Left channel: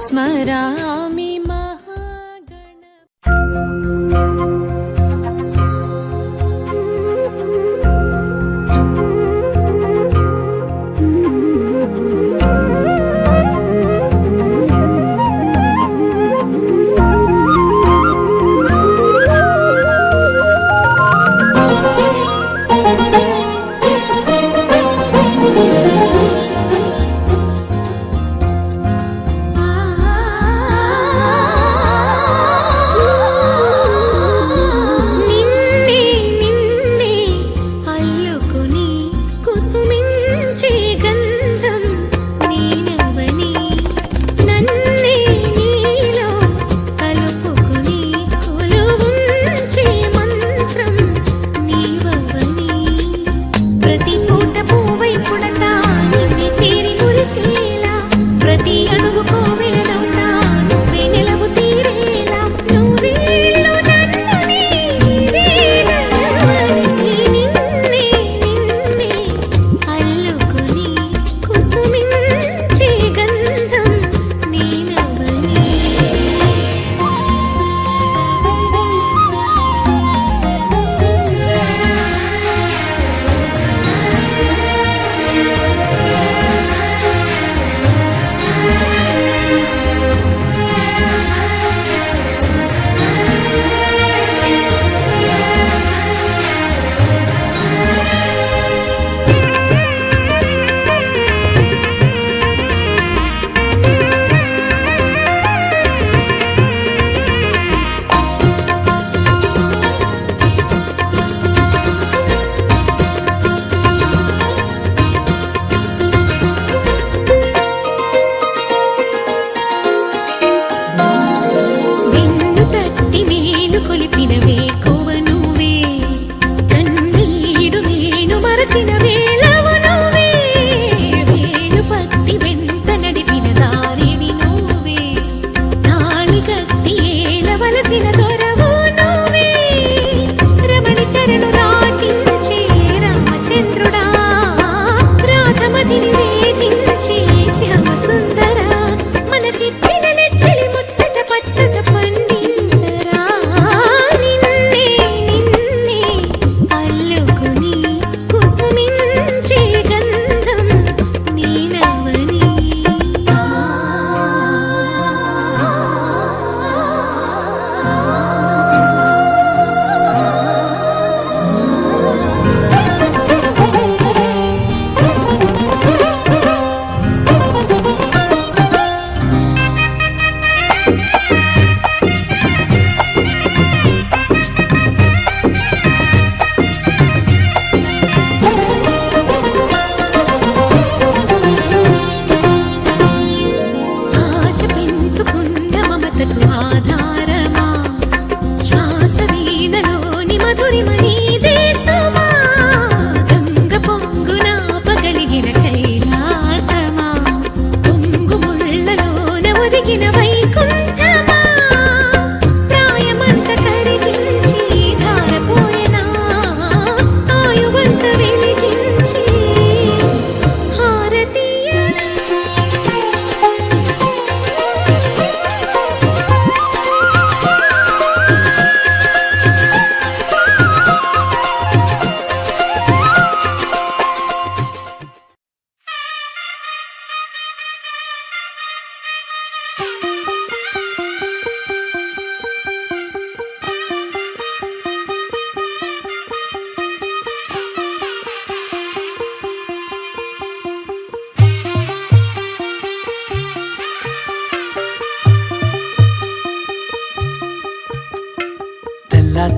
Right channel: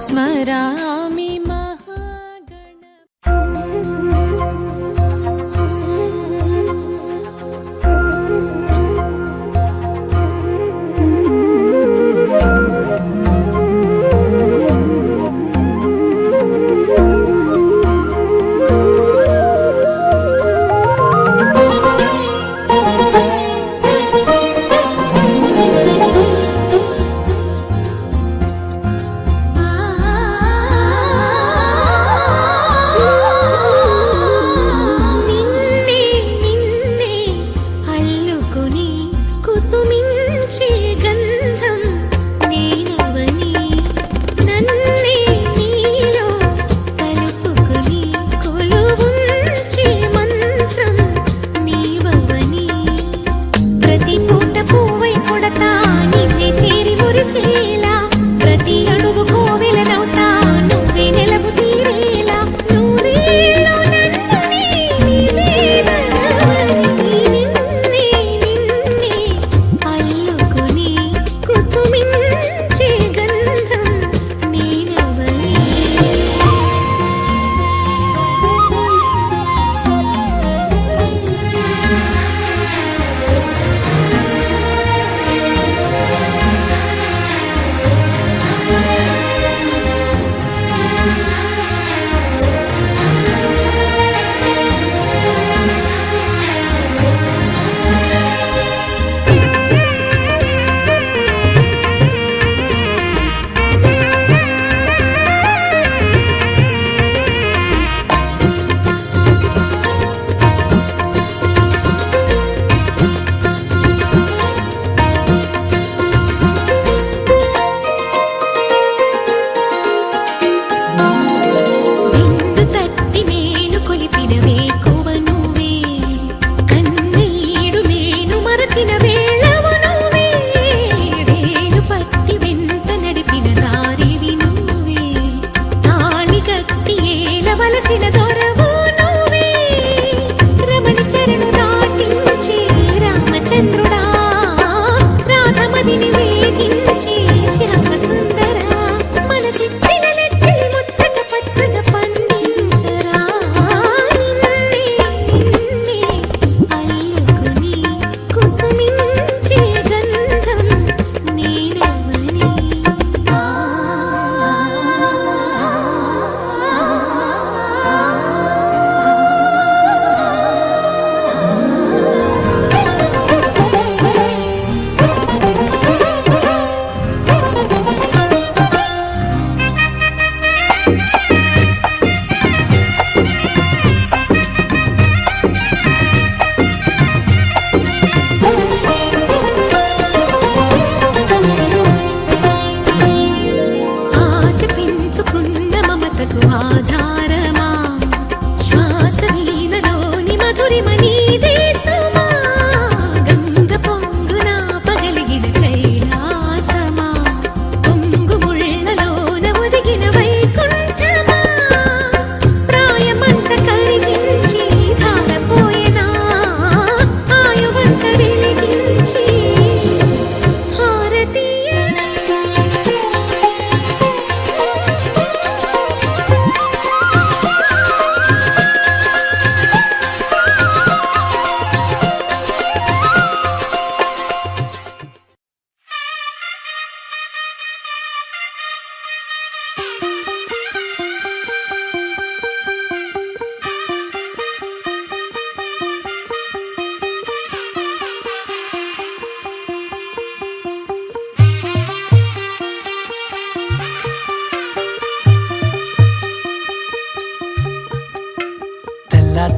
స్మరామి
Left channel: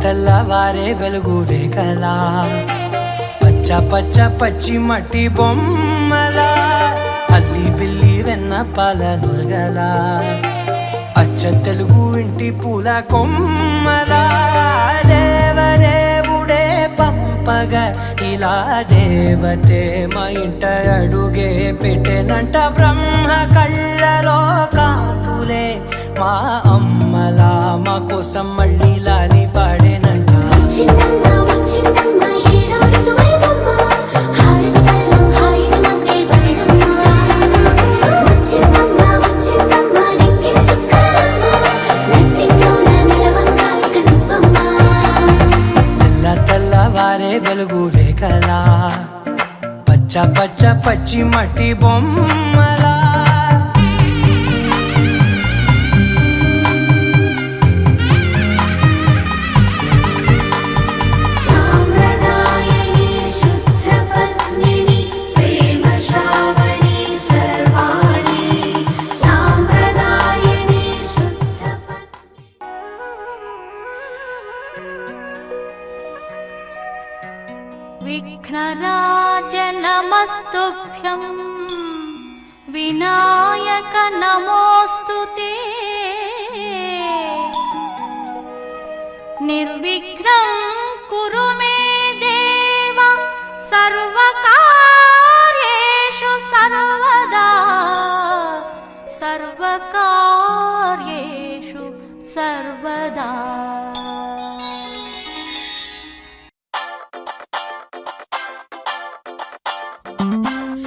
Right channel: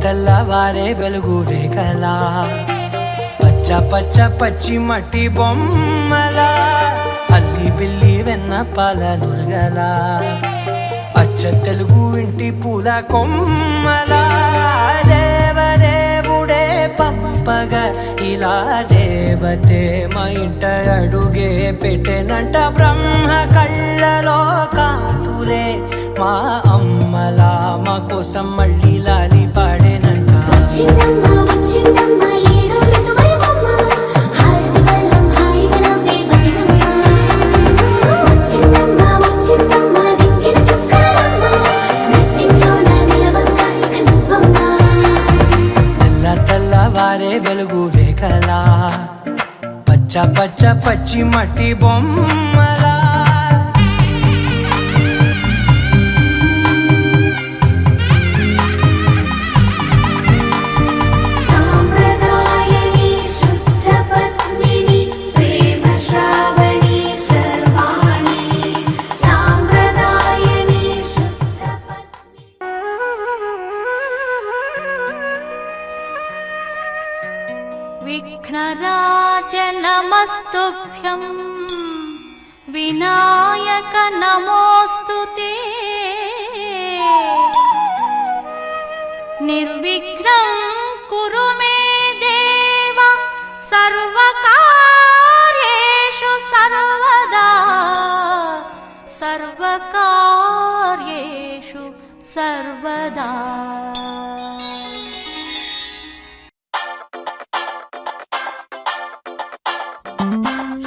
తెల్లవారే వెలుగు రేఖలా పచ్చ పచ్చ పచ్చి మట్టి బొమ్మలా అల్లి బిల్లి వెన్న పాల నురగలా అచ్చ తెలుగు ఇంటి పూల కొమ్మలా దేవదేవుడే పంపగా ఇలా దేవతే మా ఇంట అడుగే పెట్టెనంట బ్రహ్మ కళ్ళలో కాంతులే మా అమ్మలా మా కోసం మళ్ళీ లాలి పాడేనంట. వచ్చిందమ్మా వచ్చిందమ్మా పచ్చ పచ్చ పచ్చి మట్టి బొమ్మలా విఘ్నరాజ నమస్తుభ్యం వినాయక నమోస్తుతే నిర్విఘ్నం కురు మే దేవ సర్వకార్యేషు సర్వదా సర్వకార్యేషు సర్వదా.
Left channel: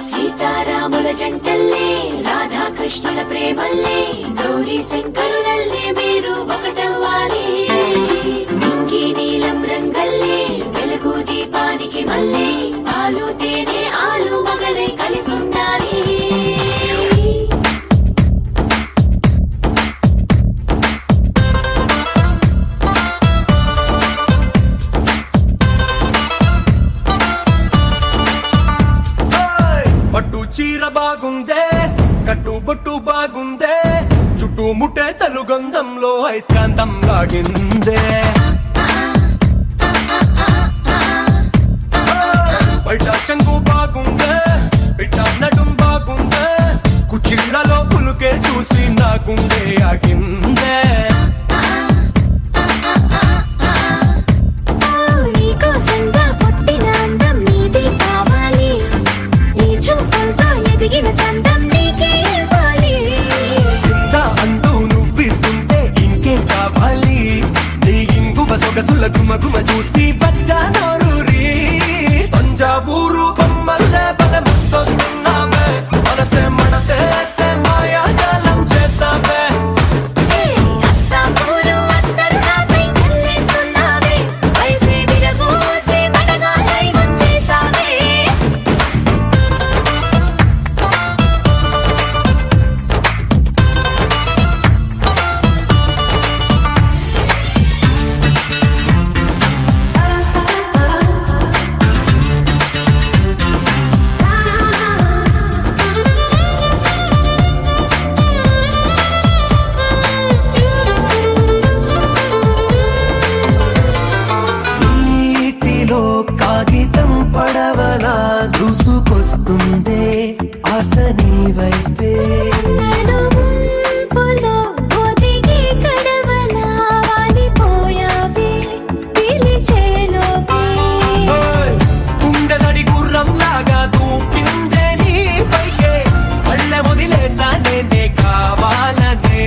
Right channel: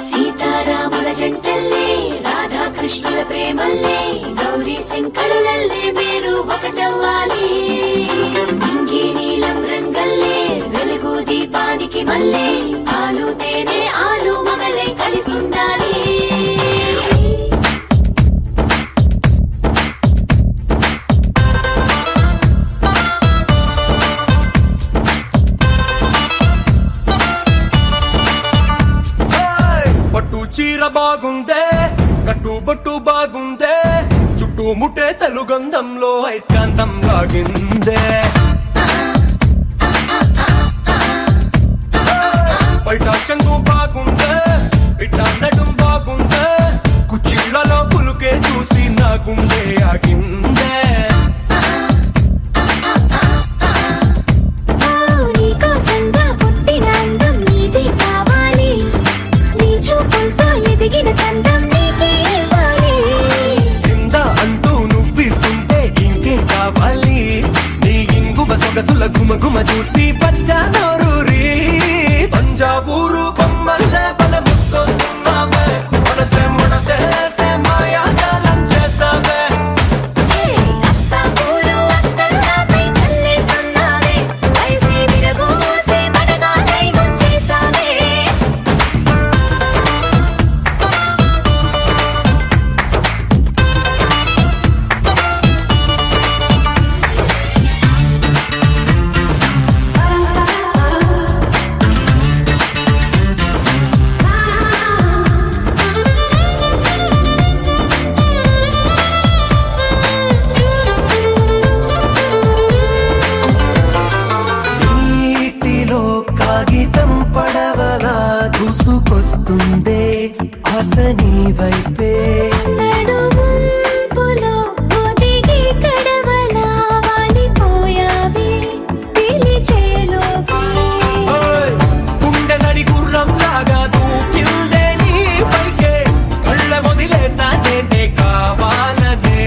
సీతారాముల జంటల్లే రాధాకృష్ణుల ప్రేమల్లే గౌరీ శంకరులల్లే మీరు ఒకటవ్వాలి. ఇంకి నీలం రంగల్లే వెలుగు దీపానికి మల్లే ఆలు తేనె ఆలు మగలై కలిసుండాలి. పట్టు చీర బాగుందే, కట్టుబొట్టు బాగుందే, చుట్టూ ముట్టే తెలుగంధంలో ఐస్కాంతం లాగిందే. బయట చెంగు బాగుందే, బిడ్డ నడుం బాగుందే, కుర్చీలలో పులుకే చూసి నా గుండె ఆగిందే. సొగసుల గుమ గుమ చూసి బచ్చా నోరూరి తంజావూరు బొమ్మల్లే బలె ముద్దొస్తున్నావే మనసే మడతేసే మాయాజాలం చేసావే. దూసుకొస్తుందే ఆశ నీ వైపే. గుండెదడి గుర్రం లాగా దూకిందే నీ పైకే కళ్ళ వదిలేసా నేనే కావాలనే.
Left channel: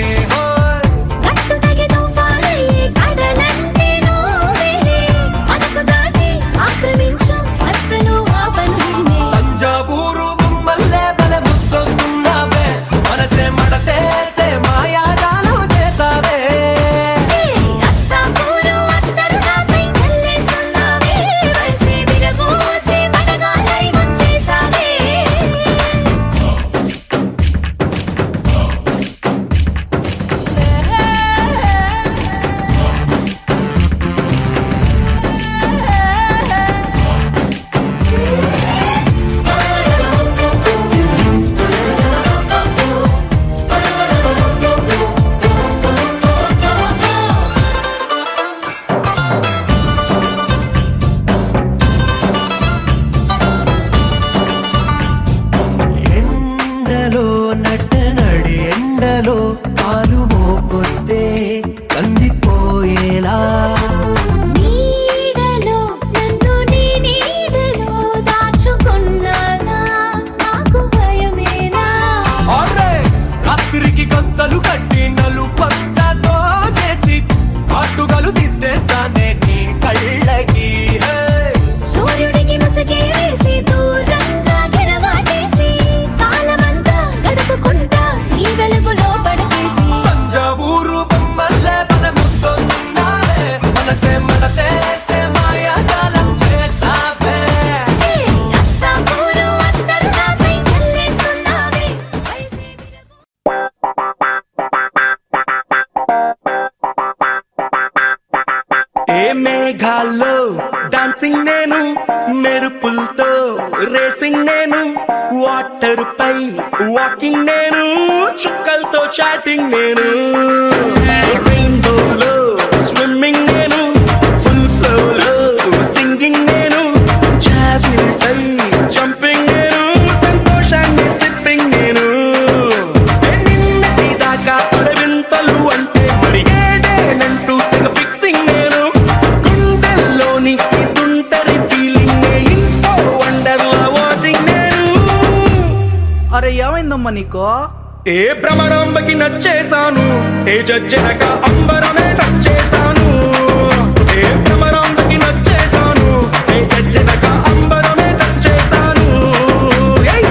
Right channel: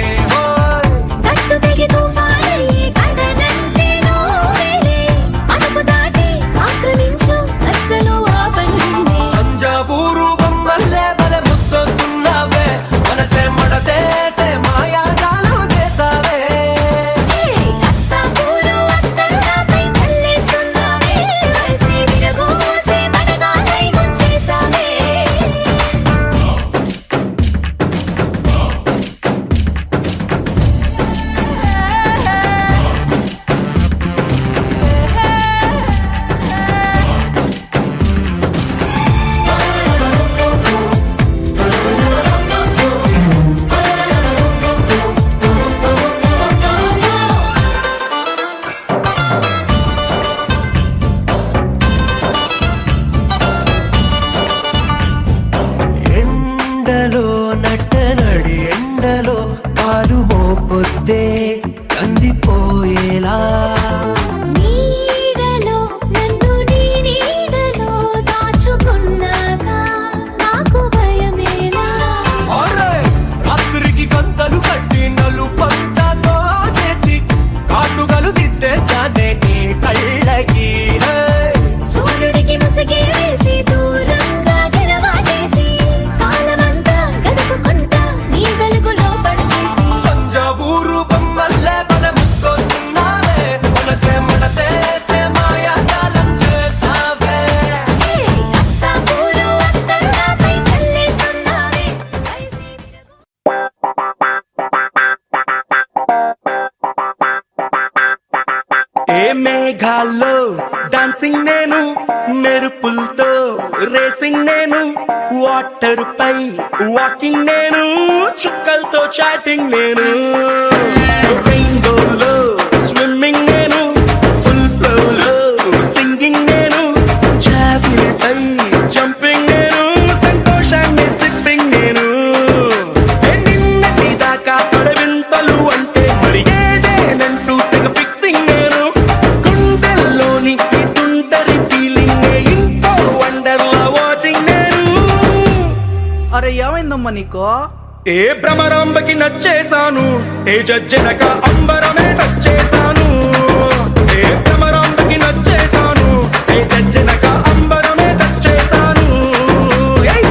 తంజావూరు బొమ్మల్లే బలె ముద్దొస్తున్నావే మనసే మడతేసే మాయాజాలం చేసావే. ఎండలో నట్టనడి ఎండలో పాలు మోపొద్దే కందిపోయేలా. రాత్రికి గంతలు కట్టి నలుపంతతో చేసి కాటుగలు దిద్దేస్తానే నీ కళ్ళకి. సూర్యుడికి ముసుగే వేసి దూరంగా గెలవాటేసి కాలమంతా గడుపుకుంటా నీ వెలుగులో పడవేసి. తంజావూరు బొమ్మల్లే బలె ముద్దొస్తున్నావే ఏ మేఘాల్లో డాన్సింగ్ నేను, మెరుపులతో రేసింగ్ నేను, వాటర్ పై వాకింగ్ నేను, చుక్కలతో చాటింగ్ నేను, రెయిన్బోలో స్విమ్మింగ్ నేను, ఫుల్ ఫ్లోలో సింగింగ్ నేను, జాబిల్ పై జంపింగ్ నేను, సంతోషాన్ని సిప్పింగ్ నేను. నిన్నటి దాకా అరవింతలు అంటే మరి ఏదేనంటూ తెగ ఫిక్సింగ్ నేను, గుండెల్లోని ఈ తుంటరి ఫీలింగ్ ఇంకో వండర్లా వాచింగ్ నేను. అరే ఏమైందమ్మా నీకో? ఏ భ్రమరాంబకి నచ్చేశాను, ఏ జజ్జనక అంబరమే టచ్చేశాను. ఏ భ్రమరాంబకి నచ్చేశాను, ఏ జజ్జనక అంబరమే టచ్చేశాను. ఏయ్!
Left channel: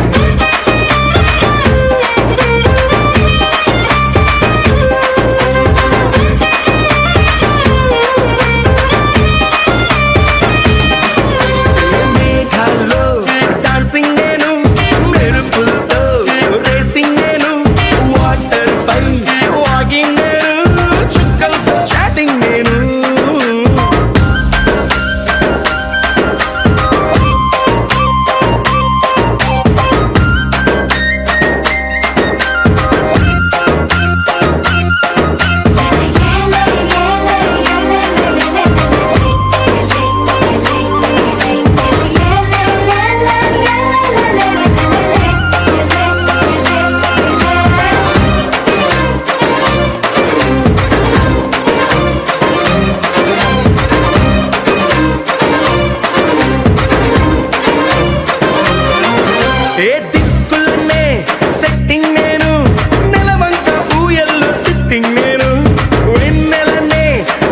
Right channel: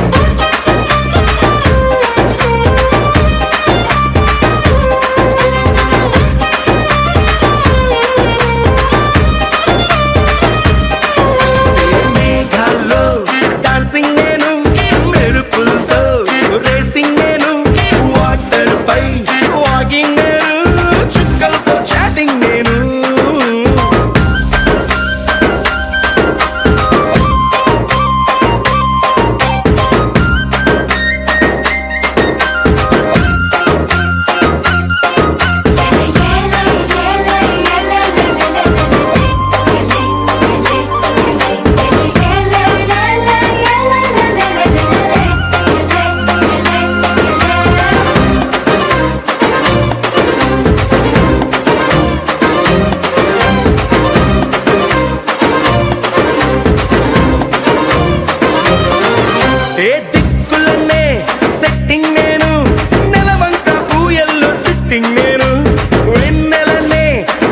మేఘాల్లో డాన్సింగ్ నేను, మెరుపులతో రేసింగ్ నేను, వాటర్ పై వాకింగ్ నేను, చుక్కలతో చాటింగ్ నేను. ఏ దిక్కులనే సెట్టింగ్ నేను, నెలవంక ఊయల్లో సిట్టింగ్ నేను, వెన్నెలనే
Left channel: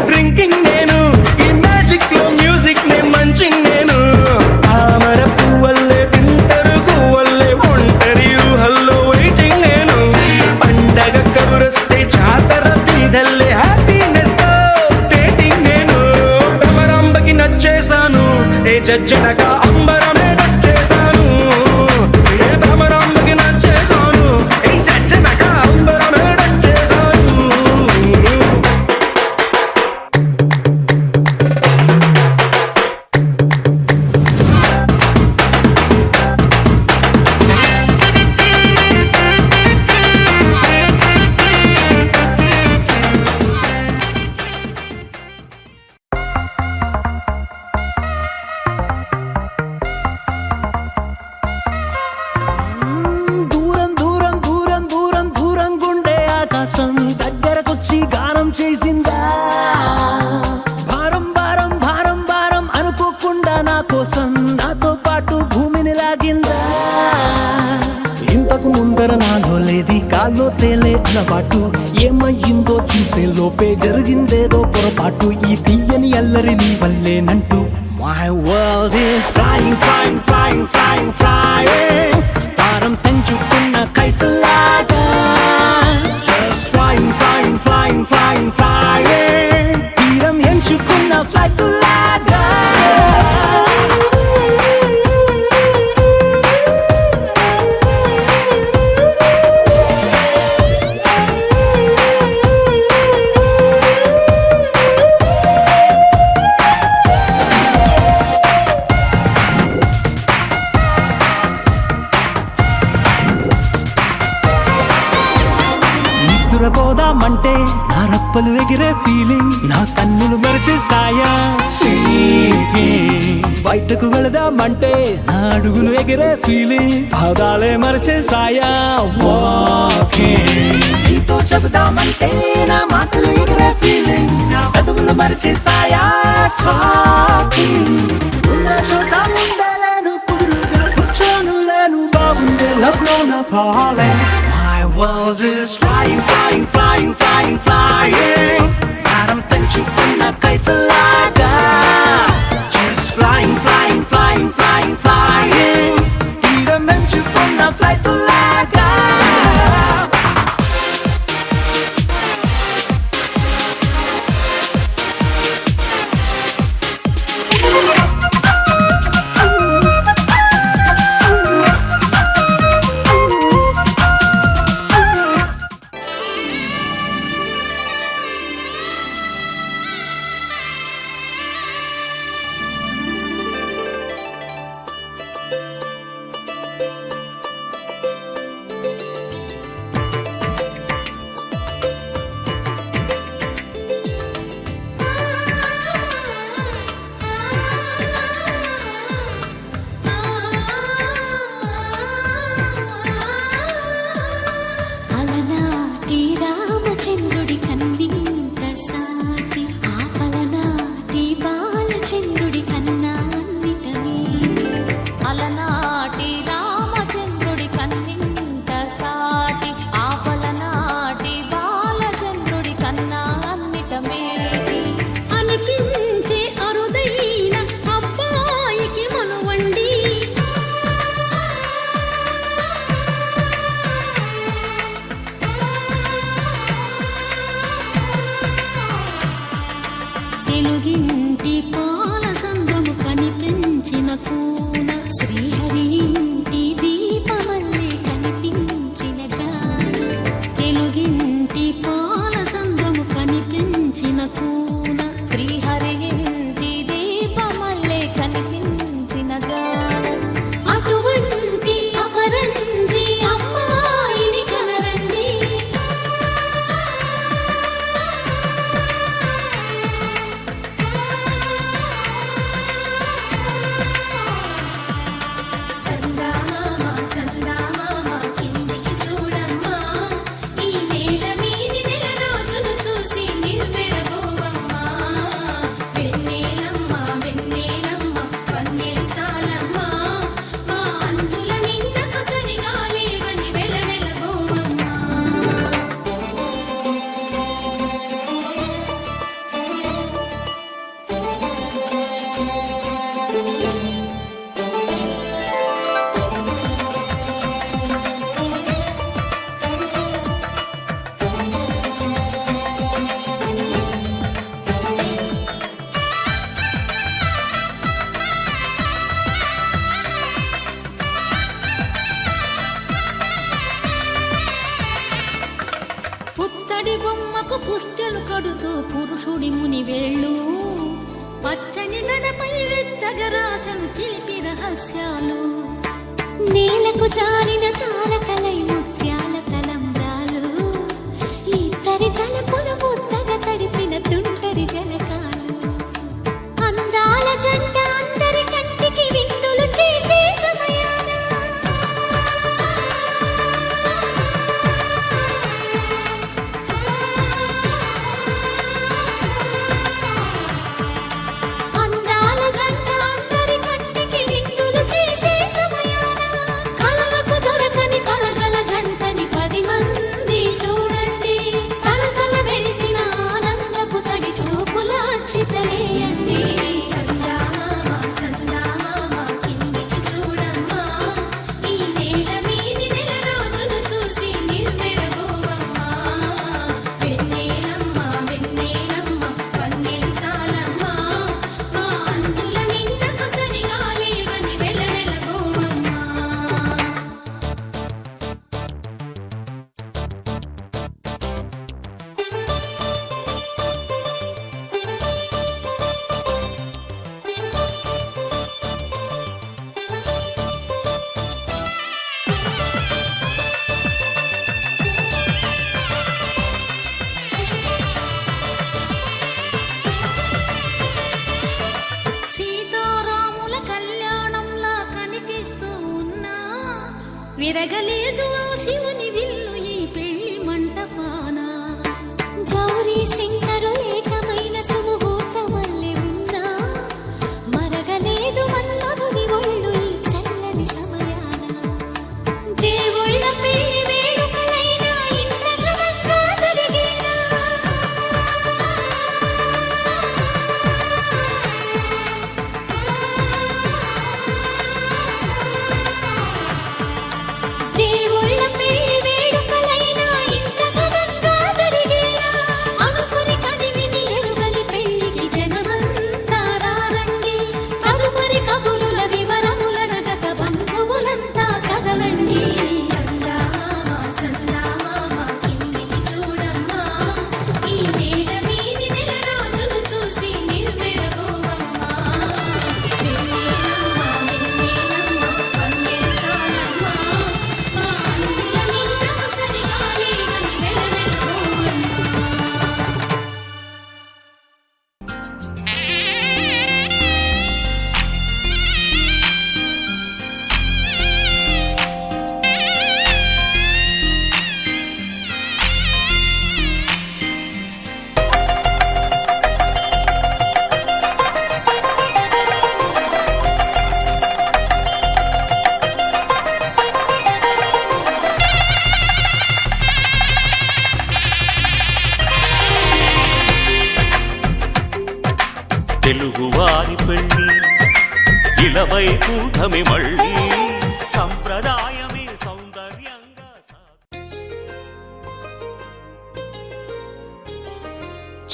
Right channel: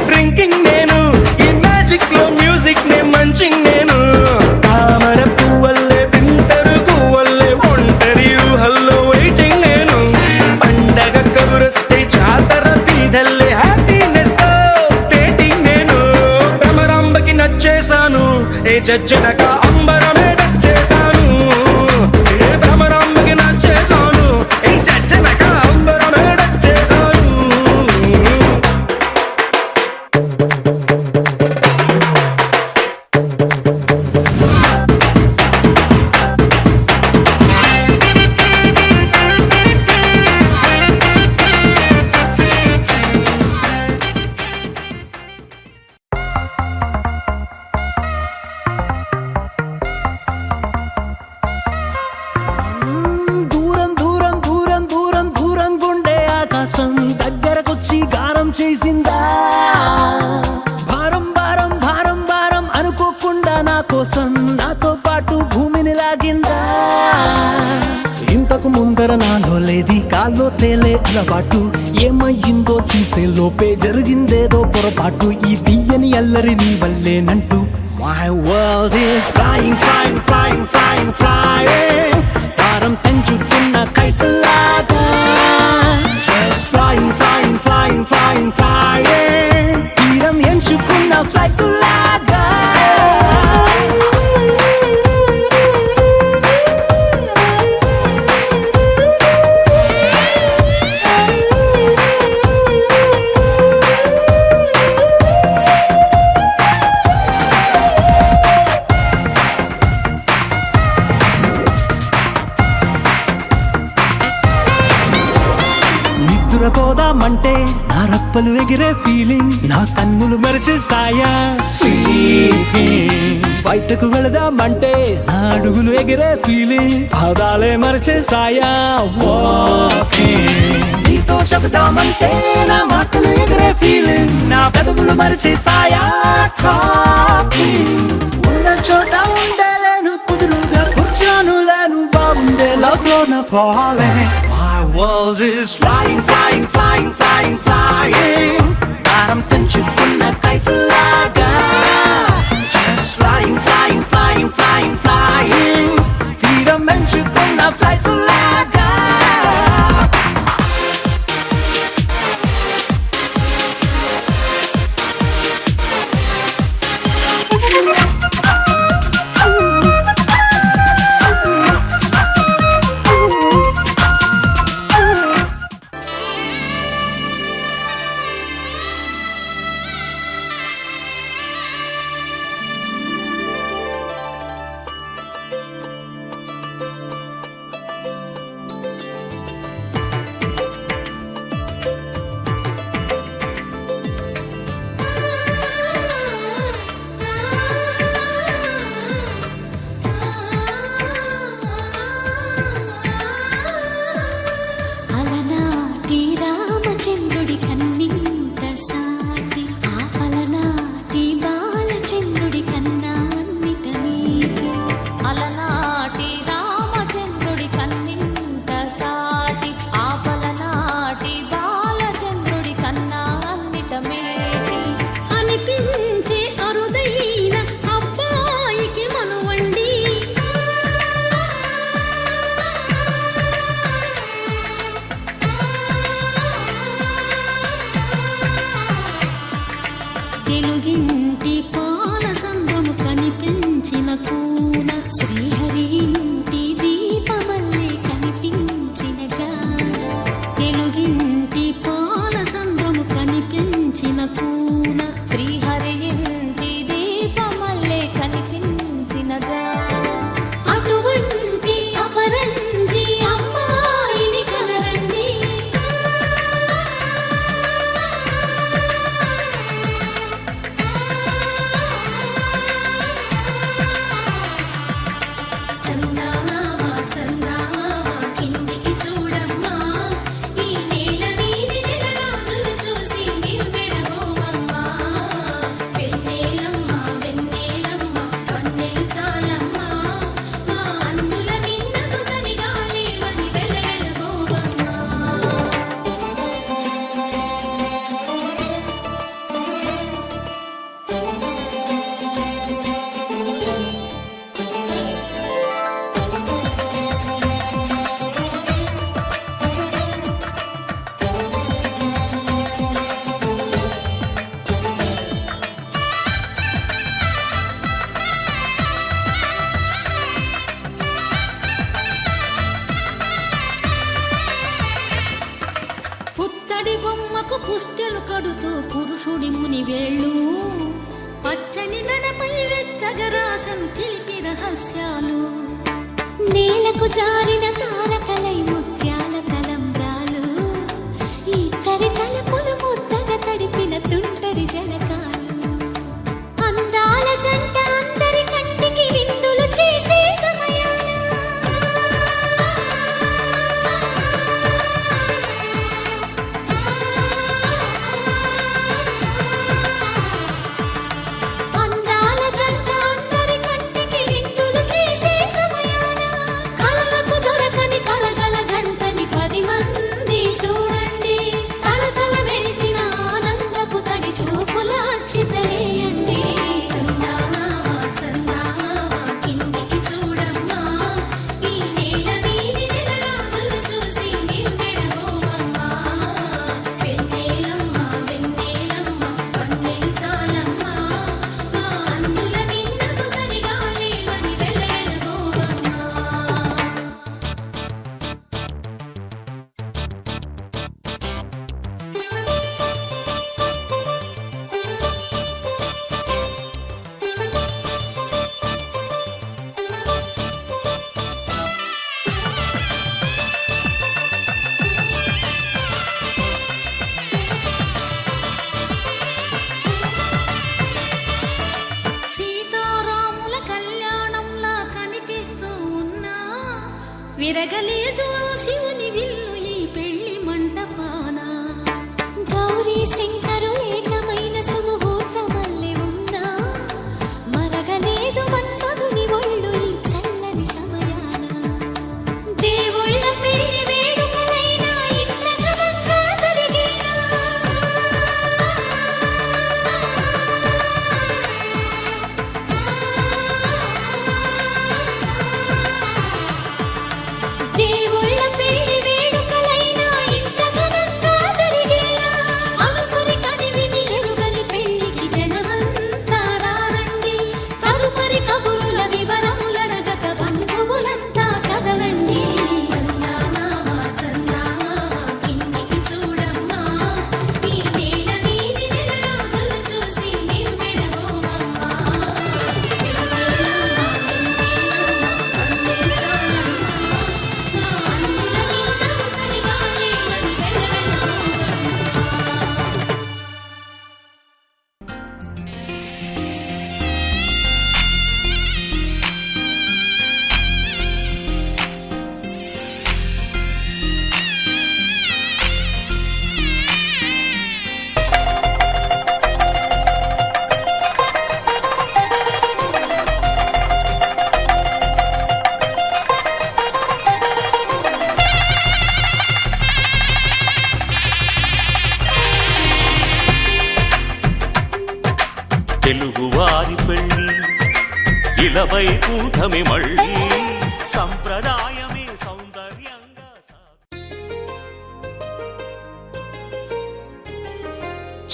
డ్రింకింగ్ నేను, ఈ మ్యాజిక్ లో మ్యూజిక్ నే మంచింగ్ నేను, తామర పువ్వల్లే వింటరు గువ్వల్లే ఒంటరి ఊహల్లో వెయిటింగ్ నేను, పండగ కబురొస్తే జాతర బీదల్లే హ్యాపీనెస్ తో డేటింగ్ నేను. భ్రమరాంబకి నచ్చేశాను, ఏ జజ్జనక అంబరమే నచ్చేశాను. ఏ భ్రమరాంబకి నచ్చేశాను, ఏ జజ్జనక అంబరమే నచ్చేశాను. దూరం దూరం దూరం దూరం దూరం గుండె ఆకాశం దగ్గరకొచ్చి గానం చేసిందా, భారం భారం భారం భారం అనుకోకుండా నా కోసం నాతో పాటు భూమిని లాగిందా. ఇంతకు ముందర నాలో లేది కాల్లో తేలే అలవాటు, ఏమయ్యిందో చూసే లోపే జరిగిందేదో పొరపాటు, ఈ తీయని అల్లరి నీ వల్లేనంటూ. My world is flying, flying, flying, flying, flying. తారం తెంచుకున్న కైతలాగా. Just flying, flying, flying, flying, flying. తీరం ఎంచుకున్న ఫ్లైట్ లాగా. నిద్రపోదామంటే నా రప్పలు ఎగిరే ఫీలింగ్, నా కన్నులు మరిచేసాయా స్లీపింగ్. బయటకు వెళదామంటే నా అడుగులు ఎగిరే ఫీలింగ్, పాదాలే మరిచేసాయా వాకింగ్. నీతో చెబుదామంటే నా మాటలు ఎగిరే ఫీలింగ్, నా పెదవులు మరిచేసాయా టాకింగ్. ఉన్న చోట ఉండలేను, కుదురుగా కూర్చోను లేను, బాగుండే లోన పోలే. My world is flying, flying, flying, flying, flying. భారం తెంచుకున్న కైతలాగా. Just flying, flying, flying, flying, flying. తీరం ఎంచుకున్న ఫ్లైట్ లాగా. ఇంటి పాల సంద్రము కనిపించిన కూన శ్రీహరి ఇంటి దీపమల్లే కనిపించిన జాన తెలుగింటి పాల సంద్రము కనిపించిన కూన శ్రీహరి ఇంటి దీపమల్లే కనిపించిన జాన అటువంటి అపరంజి అమ్మాయిని కనరండి చందమామ చందమామ కిందికి చూడమ్మా ఈ నేల మీది నెల రోజులు చూసి నివ్వెరపోవమ్మా వెన్నెలమ్మ వెన్నెలమ్మ వన్నెలు చాలమ్మా మా అన్నుల మిన్నకు సరిగా లేవని వెలవెలబోవమ్మా పుత్తడి బొమ్మకు పుస్తెలు కడుతూ పురుషుడి ముని వేళ్ళు పచ్చని నడపై వెచ్చగరాసను చిలిపి రహస్యాలు నేలకు జారిన తారకలై ముత్యాల తలంబ్రాలు ఇద్దరి తలపులు ముద్దగా తడిపిన తుంటరి జలకాలు అందాల జంట అందరి కంటికి విందులు చేసే సమయాన అందాల జంట అందరి కంటికి విందులు చేసే సమయాన కలలకు దొరకని కలగల జంటని 10 మంది చూడండి తలతల మెరిసిన ఆనందపు తడి చూపుల అక్షితలేయండి చందమామ చందమామ కిందికి చూడమ్మా ఈ నేల మీది నెల రోజులు చూసి నివ్వెరపోవమ్మా వెన్నెలమ్మ వెన్నెలమ్మ వన్నెలు చాలమ్మా మా అన్నుల మిన్నకు సరిగా లేవని వెలవెలబోవమ్మా సీతారాముల కళ్యాణంలా కనిపిస్తూ ఉన్నా విరగలేదు ఆ శివుని విల్లు ఈ పెళ్లి మంటపాన గౌరీ శంకరులేకమైన సుముహూర్తమల్లె ఉన్నా మరగలేదు మన్మధుని ఒళ్ళు ఈ చల్లని సమయాన దేవుళ్ళ పెళ్లి వేడుకలైనా ఇంత ఘనంగా జరిగేనా దేవుళ్ళ పెళ్లి వేడుకలైనా ఇంత ఘనంగా జరిగేలా అనుకుని కదివిని ఎరుగని పెళ్లికి జనమంతా రారండి తదుపరి కబురుల వివరములడగక బంధువులంతా కదలండి చందమామ చందమామ కిందికి చూడమ్మా ఈ నేల మీది నెల రోజులు చూసి నివ్వెరపోవమ్మా వెన్నెలమ్మ వెన్నెలమ్మ వన్నెలు చాలమ్మా మా అన్నుల మిన్నకు సరిగా లేవని వెలవెలబోవమ్మా తెలుగువారి పెళ్ళి ఇలవై కూటమి మళ్ళీ సంప్రదాయమే సౌందర్యంగా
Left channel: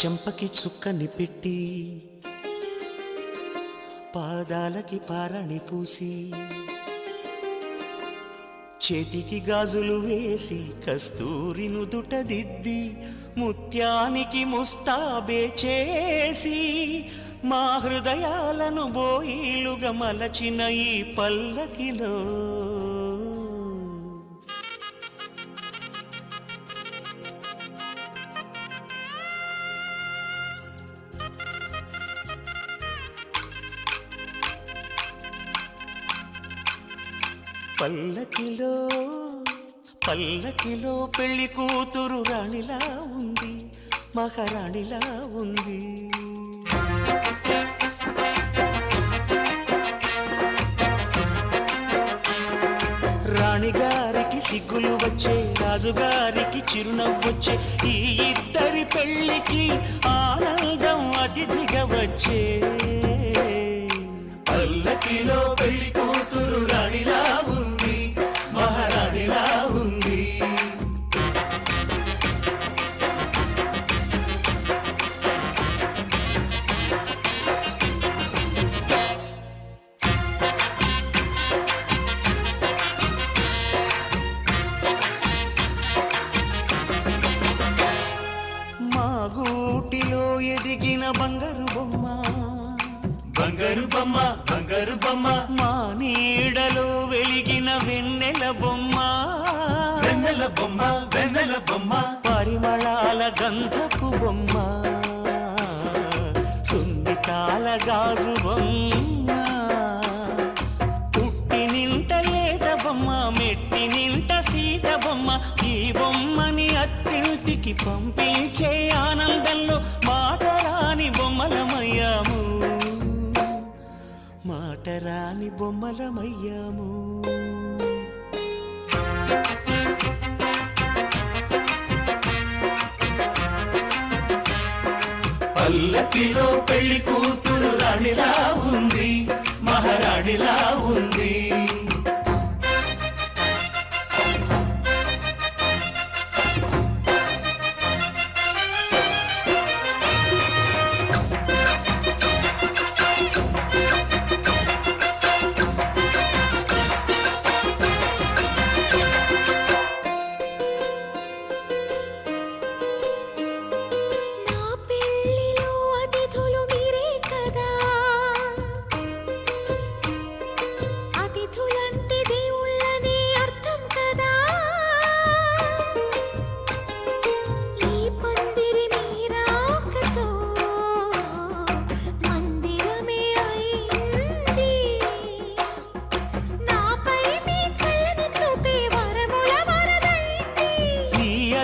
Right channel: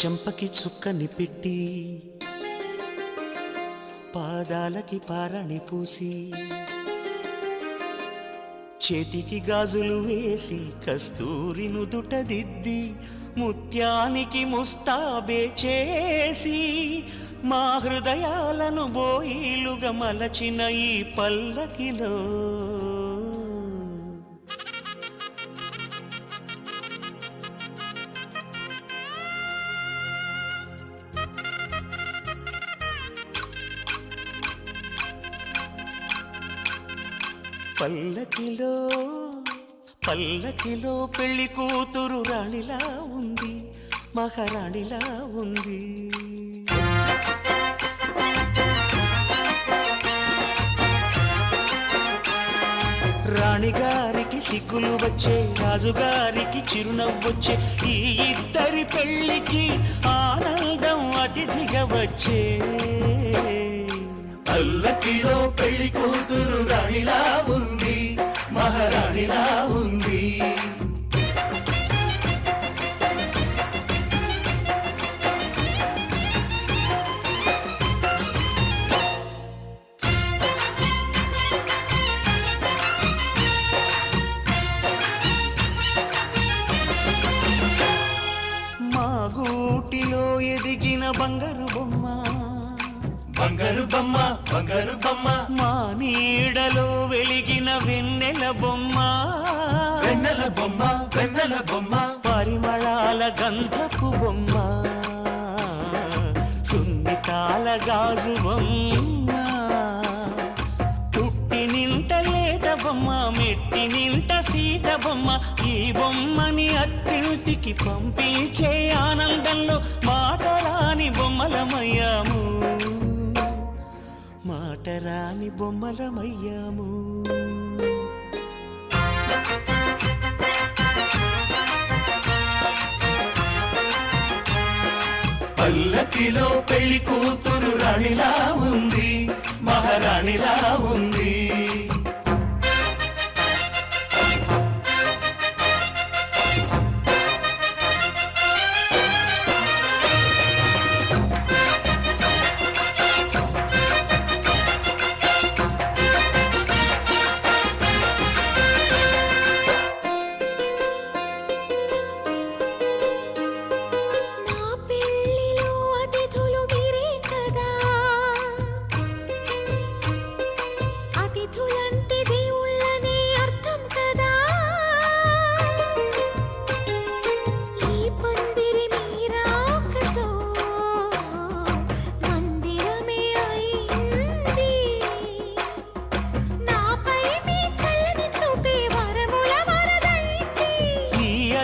చెంపకి చుక్కని పెట్టి పాదాలకి పారాణి పూసి చేతికి గాజులు వేసి కస్తూరి నుదుట దిద్ది ముత్యానికి ముస్తాబే చేసి మా హృదయాలను బోయిలుగా మలచిన ఈ పల్లకిలో పల్లకిలో పల్లకిలో పెళ్లి కూతురు రాణిలా ఉంది, మహారాణిలా ఉంది. రాణిగారికి సిగ్గులు వచ్చే, రాజుగారికి చిరునవ్వొచ్చే, ఈ ఇద్దరి పెళ్లికి ఆనందం అతిథిగా వచ్చే. పల్లకిలో పెళ్లి కూతురు రాణిలా ఉంది, మహారాణిలా ఉంది. మా గూటిలో ఎదిగిన బంగారు బొమ్మ, బంగారు బొమ్మ, బంగారు బొమ్మ. మా నీడలో వెలిగిన వెన్నెల బొమ్మ, వెన్నెల బొమ్మ, వెన్నెల బొమ్మ. పరిమళాల గంధపు బొమ్మ, సున్నితాల గాజు బొమ్మ. పుట్టి నింట లేత బొమ్మ, మెట్టి నింట సీత బొమ్మ. ఈ బొమ్మని అత్తింటికి పంపించే ఆనందంలో మాటరాని బొమ్మలమయ్యాము, మాటరాని బొమ్మలమయ్యాము. పల్లకిలో పెళ్లి కూతురు రాణిలా ఉంది, మహారాణిలా ఉంది.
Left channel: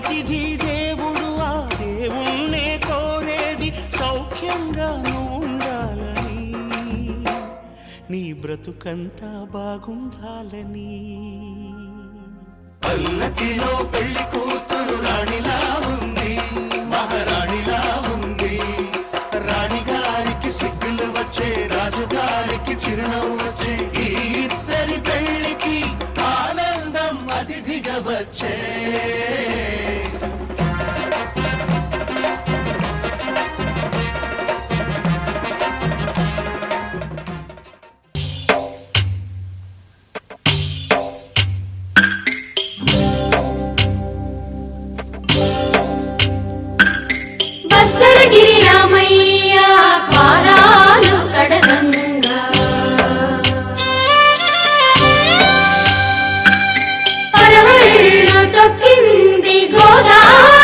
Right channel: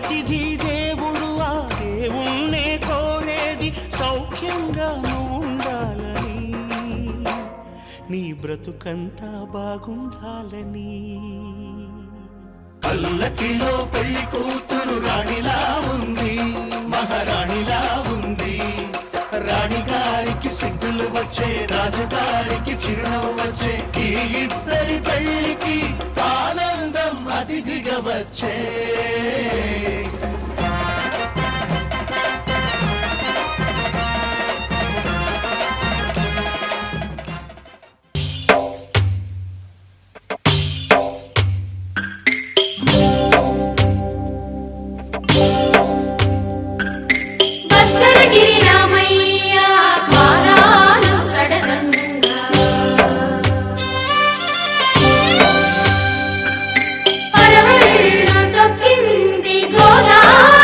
అతిథి దేవుడు ఆ దేవుణ్ణే కోరేది సౌఖ్యంగా నువ్వు ఉండాలని, నీ బ్రతుకంతా బాగుండాలని. పల్లకిలో పెళ్లి కూతురు రాణిలా ఉంది, మహారాణిలా ఉంది. రాణిగారికి సిగ్గులు వచ్చే, రాజుగారికి చిరునవ్వు వచ్చే, ఈ ఇద్దరి పెళ్లికి ఆనందం అతిథిగా వచ్చే. భద్రగిరి రామయ్య పాదాలు కడగంగా, పరవళ్ళు తొక్కింది గోదావరి.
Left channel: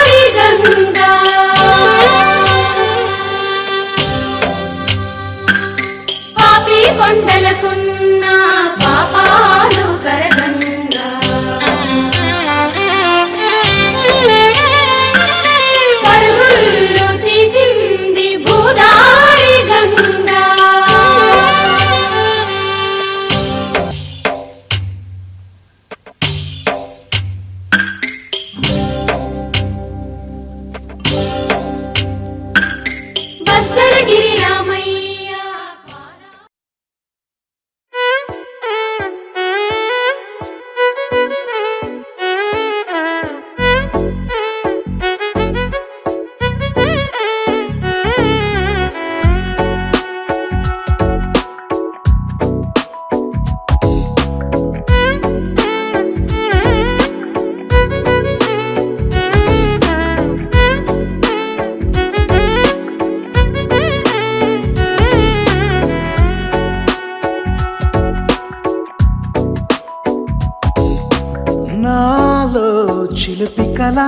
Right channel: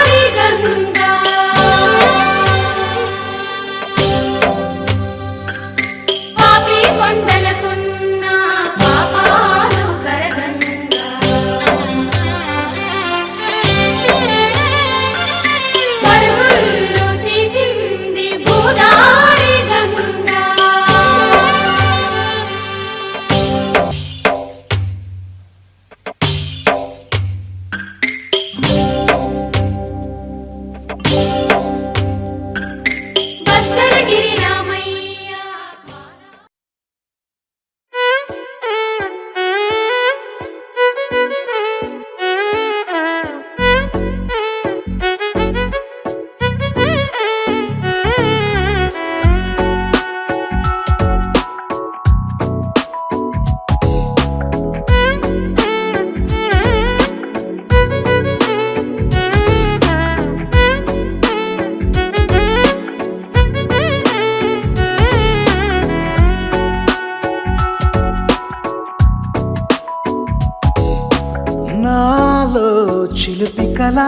కల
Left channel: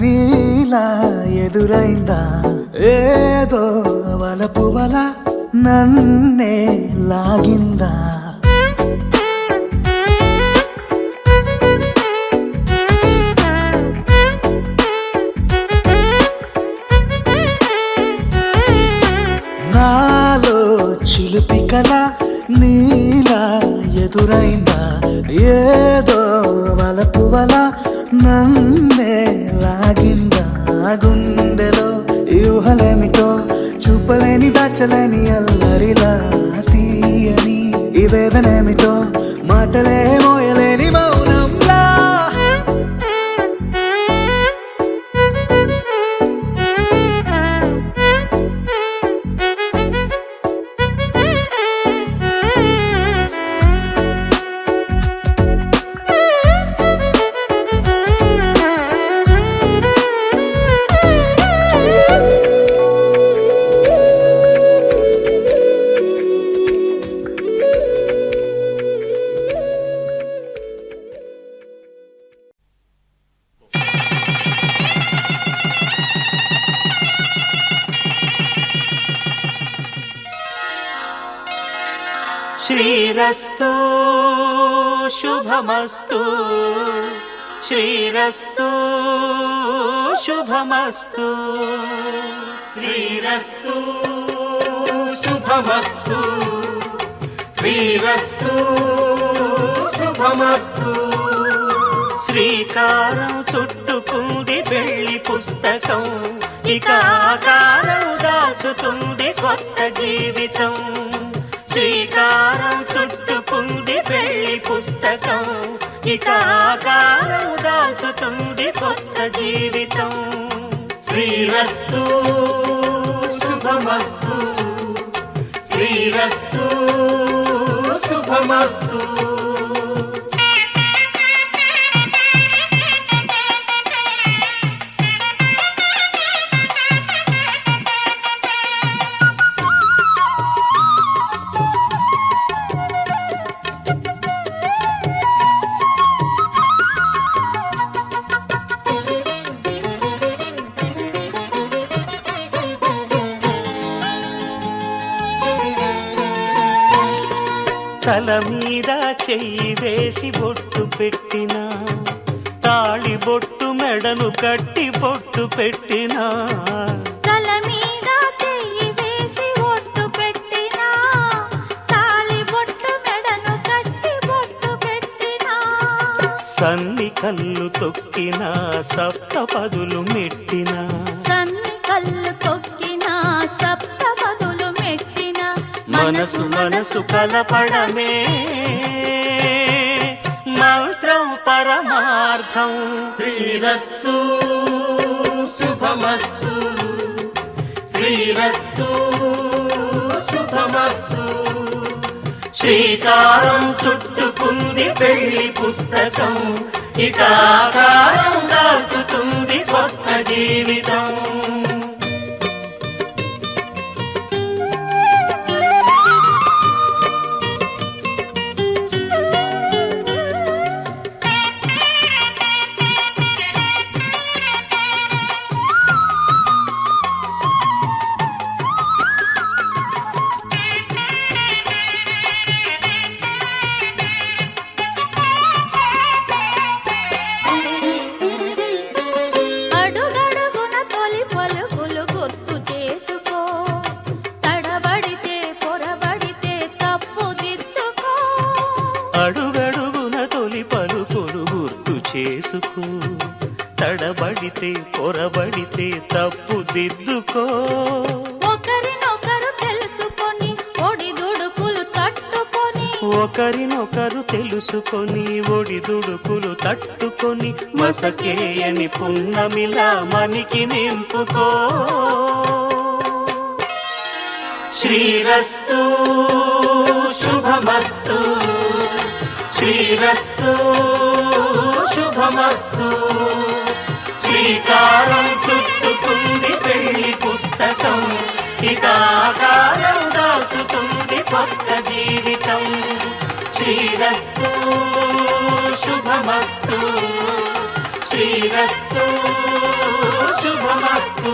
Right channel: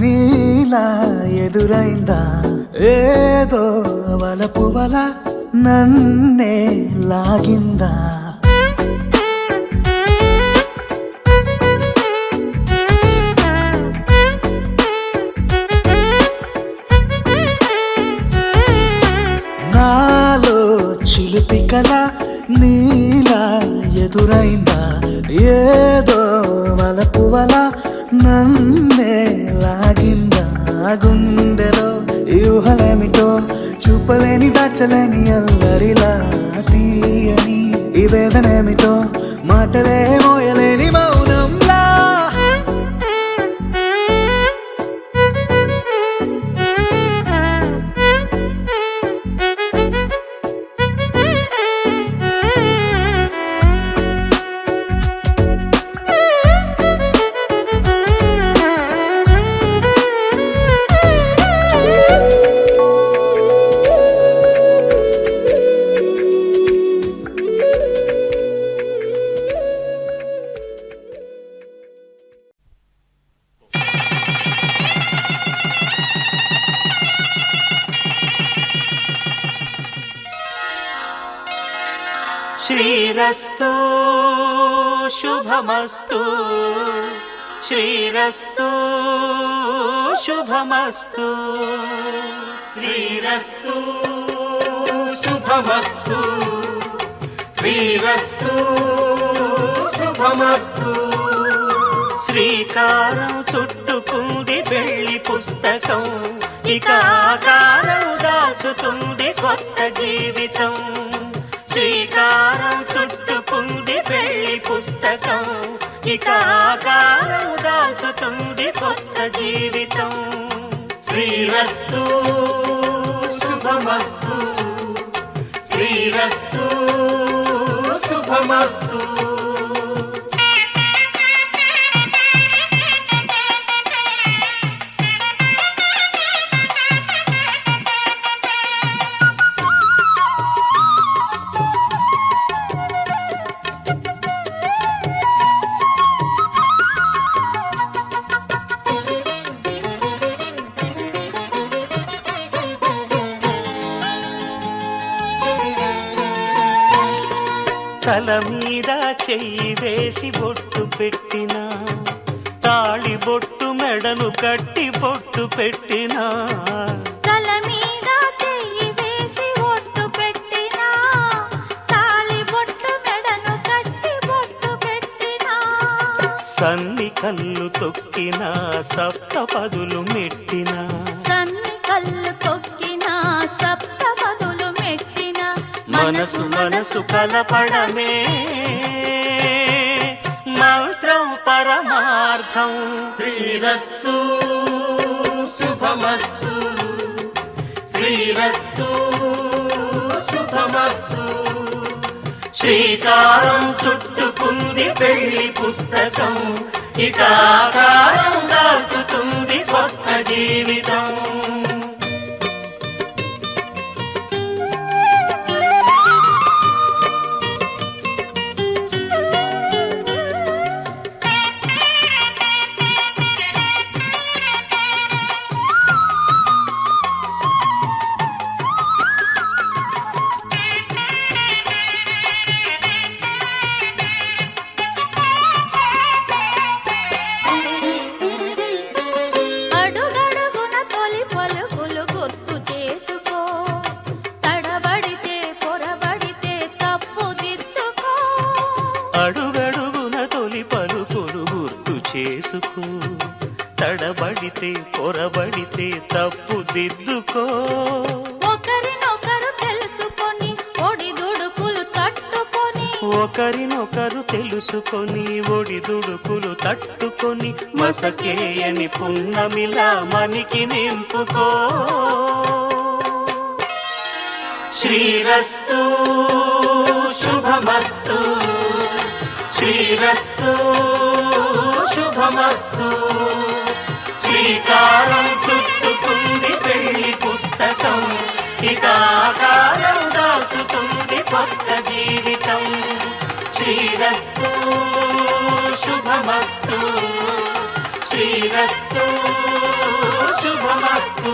నీలా ఎదురైందా ఏదో వలపు వల నన్నే లాగిందా నాలో చిలిపి కల నీలా ఎదురైందా ఏదో వలపు వల నన్నే లాగిందా గుండెలో ఊహలేమిటో చూపలేని దాచలేని అల్లరిలా తీయని ఈ వేదనేమిటో మాటలే మోయలేని మౌనంలా శ్రీరస్తు శుభమస్తు శ్రీరస్తు శుభమస్తు శ్రీరస్తు శుభమస్తు శ్రీరస్తు శుభమస్తు శ్రీకారం చుట్టుకుంది పెళ్లి పుస్తకం ఇక ఆకారం దాచుతుంది కొత్త జీవితం శ్రీకారం చుట్టుకుంది పెళ్లి పుస్తకం ఇక ఆకారం దాచుతుంది కొత్త జీవితం శ్రీరస్తు శుభమస్తు శ్రీరస్తు శుభమస్తు తల మీద చెయ్యి వేసి బొట్టు పెట్టినా తాళి బొట్టు మెడను కట్టి బొట్టు పెట్టినా తల మీద చెయ్యి వేసి ఒట్టు పెట్టినా తాళి బొట్టు మెడను కట్టి బొట్టు పెట్టినా సన్ని కళ్ళు తొక్కినా సప్త పదులు మెట్టినా సన్ని కళ్ళు తొక్కినా సప్త పదులు మెట్టినా మనసు మనసు కలపడమే మంత్రం పరమార్థం శ్రీరస్తు శుభమస్తు శ్రీరస్తు శుభమస్తు శ్రీకారం చుట్టుకుంది పెళ్లి పుస్తకం ఇక ఆకారం దాచుతుంది కొత్త జీవితం అడుగడుగున తొలి పలుకులు గుర్తు చేసుకో తడబడితే పొరబడితే తప్పు దిద్దుకో అడుగడుగున తొలి పలుకులు గుర్తు చేసుకో తడబడితే పొరబడితే తప్పు దిద్దుకో ఒకరినొకరు తెలుసుకొని ఒడిదుడుకులు తట్టుకొని ఒకరినొకరు తెలుసుకొని ఒడిదుడుకులు తట్టుకొని మసకేయని పున్నమిలా మనికి నింపుకో శ్రీరస్తు శుభమస్తు శ్రీరస్తు శుభమస్తు శ్రీకారం చుట్టుకుంది పెళ్లి పుస్తకం ఇక ఆకారం దాచుతుంది కొత్త జీవితం శ్రీరస్తు శుభమస్తు శ్రీ శ్రీరస్తు శుభమస్తు.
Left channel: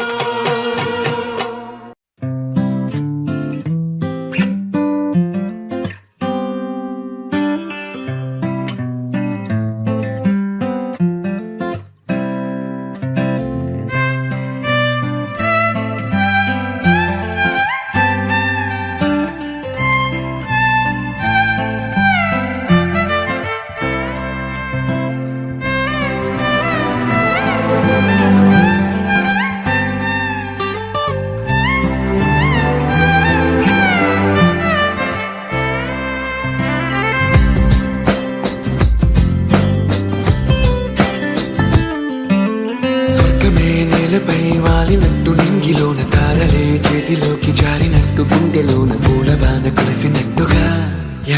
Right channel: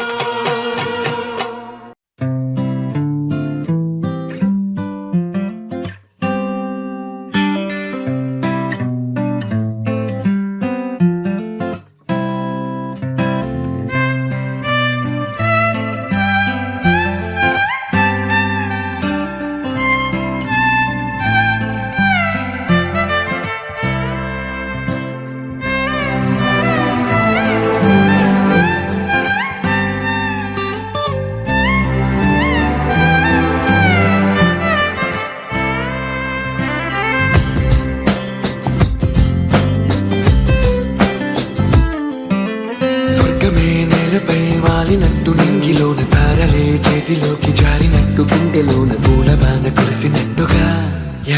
స్వర్గమే నేలపై వాలినట్టు నింగిలోన తారలే చేతిలోకి జారినట్టు గుండెలోన పూలబాన కురిసినట్టుగా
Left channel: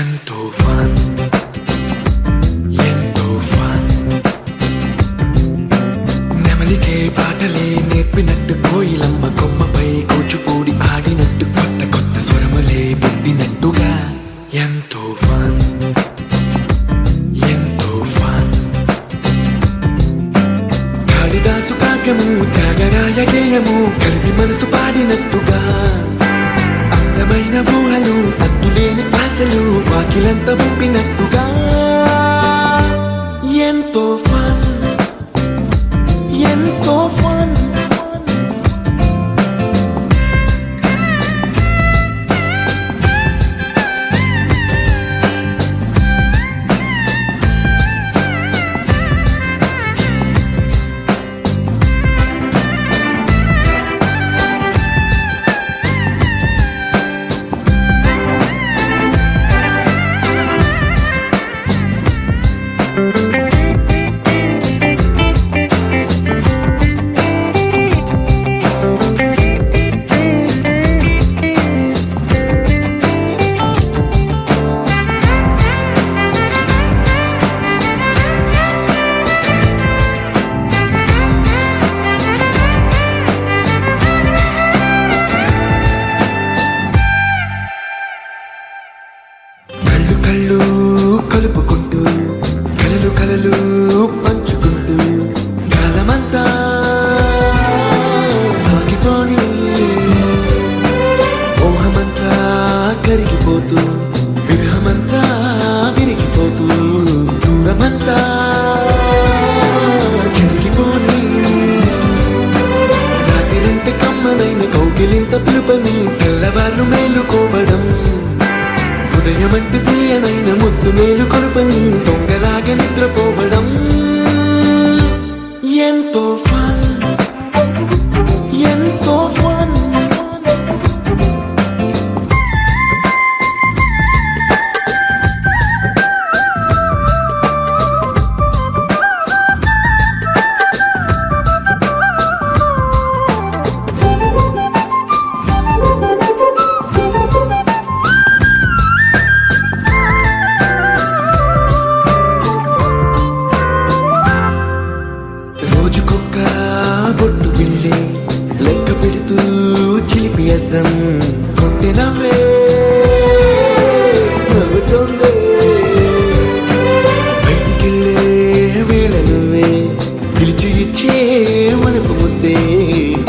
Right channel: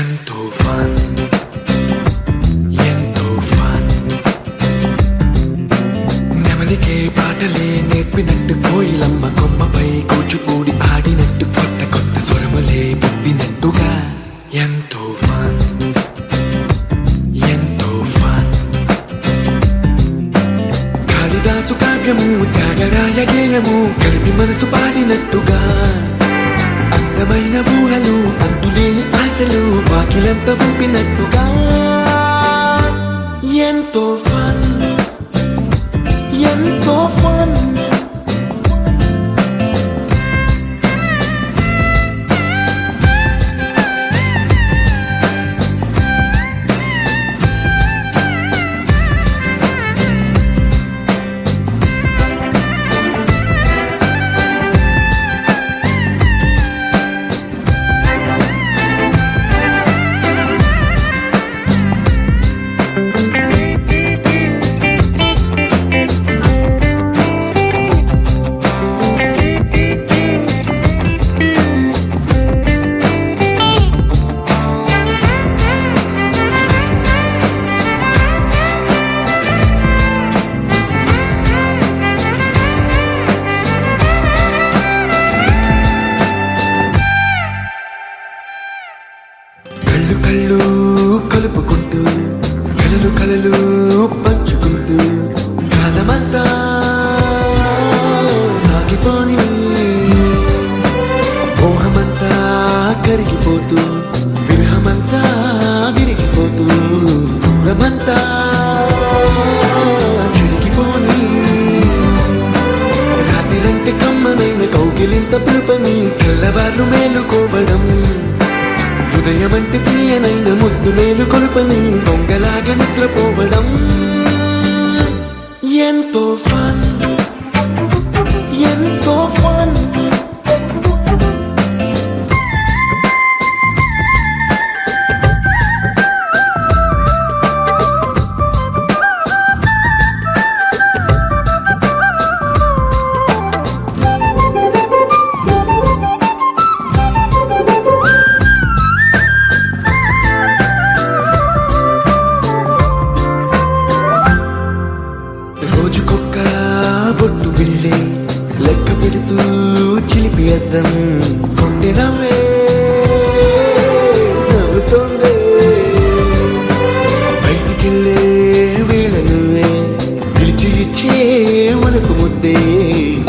ఎంతో ఫన్ ఎంతో ఫన్. నెమలికే పాటలే నేర్పినట్టు కోయిలమ్మ కొమ్మపై కూచిపూడి ఆడినట్టు కొత్త కొత్త స్వరములే పుట్టినట్టుగా ఎంతో ఫన్ ఎంతో ఫన్. కాళిదాసు కావ్యము త్యాగరాయ గేయము కలిపి మనసు పాడినట్టుగా అందమైన ఊహలు అంతులేని ఆశలు వాకిలంత పంపినట్టుగా ఎంతో ఫన్ ఎంతో ఫన్. కళ్ళు కళ్ళు కలుపుకుంటూ కలలు కలలు పంచుకుంటూ కాలమంతా సాగిపోని మోహమంతా కరిగిపోతూ విరహమంతా విరిగిపోతూ దూరమంతా జరిగిపోని రాత్రిరంటే కమ్మనైన కౌగిలింత పిలుపని తెల్లవార్లు మేలుకోవడం ఉదయమంటే తీయనైన ముద్దు మేలు కొలుపని దొంగలాగా నిద్రపోవడం ఎంతో ఫన్ ఎంతో ఫన్. రోజుకొక్క బొట్టు బిళ్ళే లెక్క పెడుతూ చిలిపి అద్దం కొంటె నవ్వే నవ్వుతోందే బయటికెళ్ళే వేళ నువ్వే పిలిచి ఇచ్చే వనపు ముద్దే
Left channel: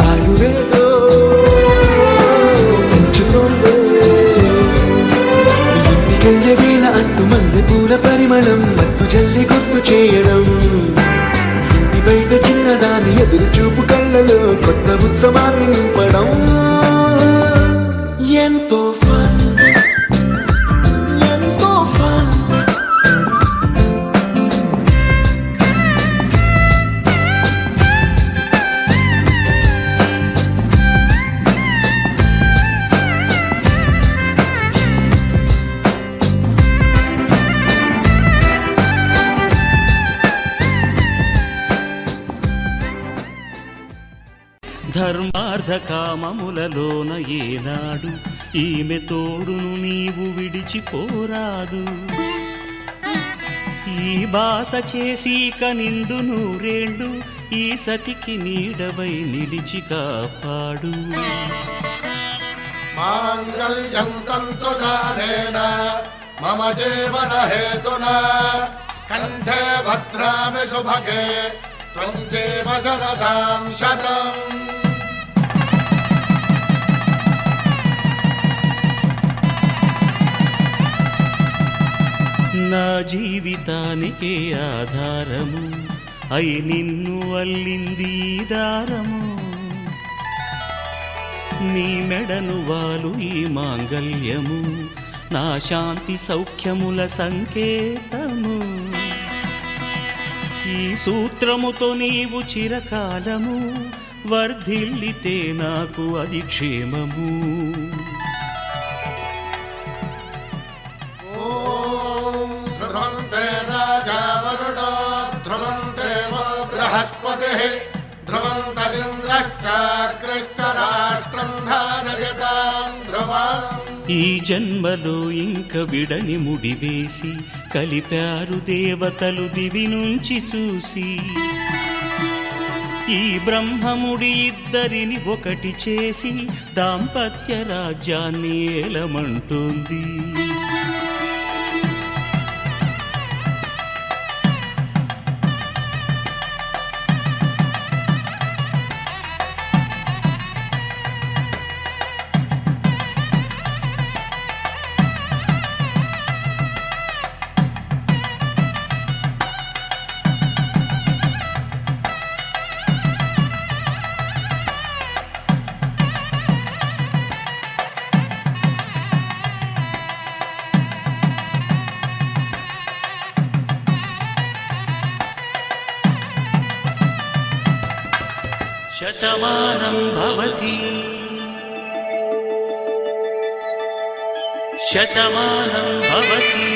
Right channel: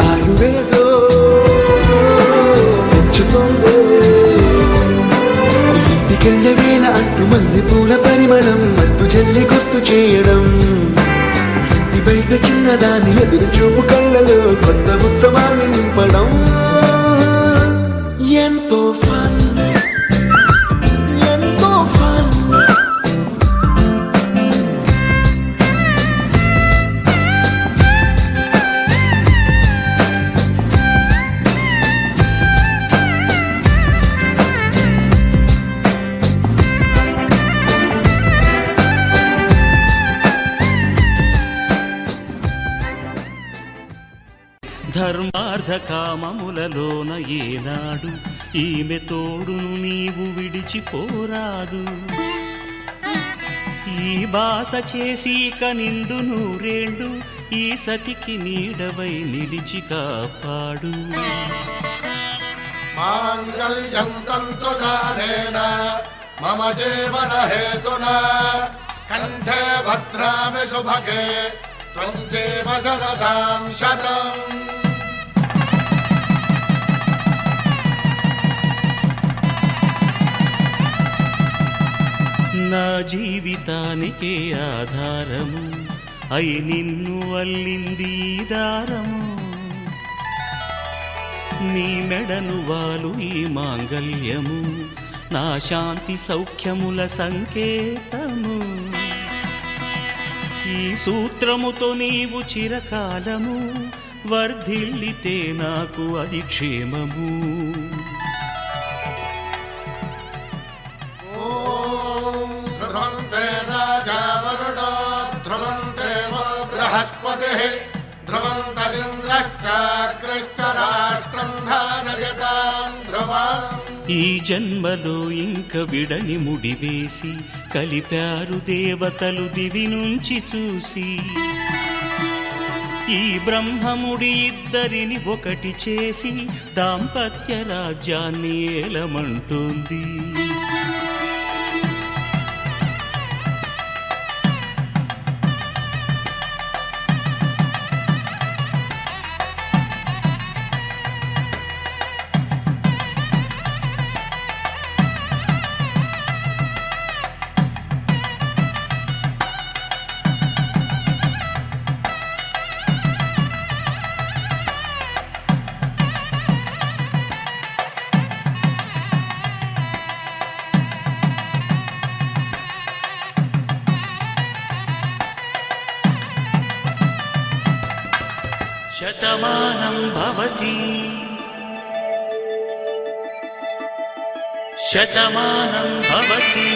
ఆయువేదో పెంచుతోందే. ఇంటికెళ్ళే వేళ అంటూ మల్లె పూల పరిమళం మత్తు జల్లి గుర్తు చేయడం బయట చిన్నదాని ఎదురు చూపు కళ్ళలో కొత్త ఉత్సవాన్ని నింపడం ఎంతో ఫన్ ఎంతో ఫన్. ధర్మార్థ కామములలోన ఏనాడు ఈమె తోడును నీవు విడిచిపోరాదు. ఈ బాస చేసి కనిండు నూరేళ్ళు ఈ సతికి నీడవై నిలిచి కాపాడు. మాంగళ్యం తంతునానేన మమ జీవన హేతునా కంఠే భద్రామి శుభగే త్వం చేవ శరదాం శతం. నా జీవితానికే ఆధారము అయి నిన్ను అల్లింది ఈ దారము. నీ మెడను వాలు ఈ మాంగల్యము నా శాంతి సౌఖ్యముల సంకేతము. ఈ సూత్రముతో నీవు చిరకాలము వర్ధిల్లితే నాకు అది క్షేమము. రాజావరుడో ధ్రువంతేవ బృహస్పతిః ధ్రువంతరింద్రశ్చాగ్రశ్చ రాష్ట్రం ధారయతాం ధ్రువం. ఈ జన్మలో ఇంక విడని ముడివేసి కలిపారు దేవతలు దివి నుంచి చూసి. ఈ బ్రహ్మముడి ఇద్దరిని ఒకటి చేసి దాంపత్య రాజ్యాన్ని ఏలమంటోంది. శతమానం భవతి శతమానం భవతి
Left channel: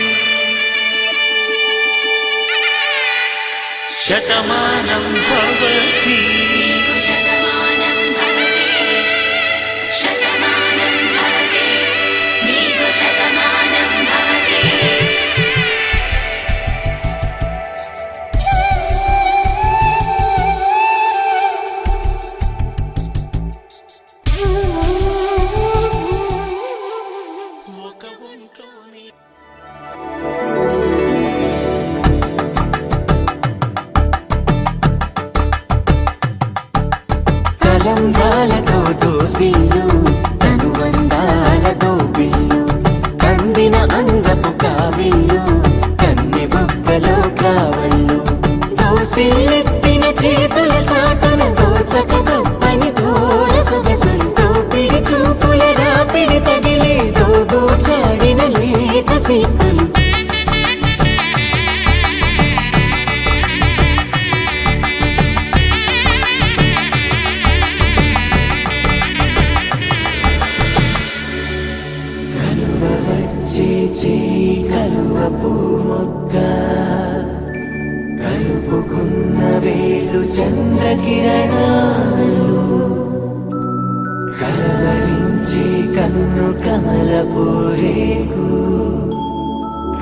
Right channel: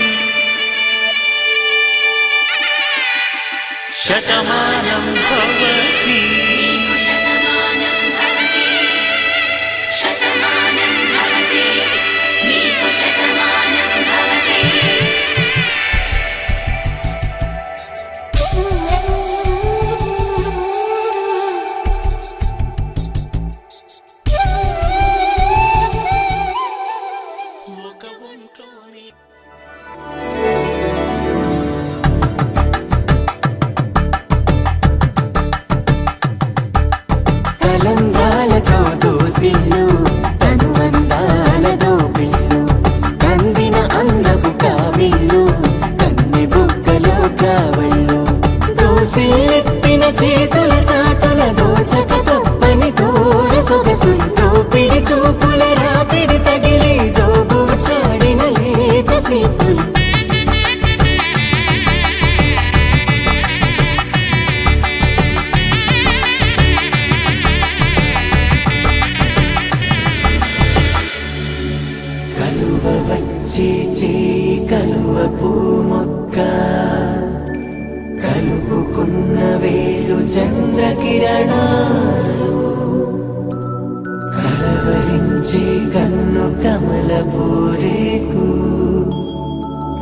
శతమానం భవతి. కలుపుకున్న వేలు చంద్రకిరణాలు కలవరించి కన్ను కమలపూరేకు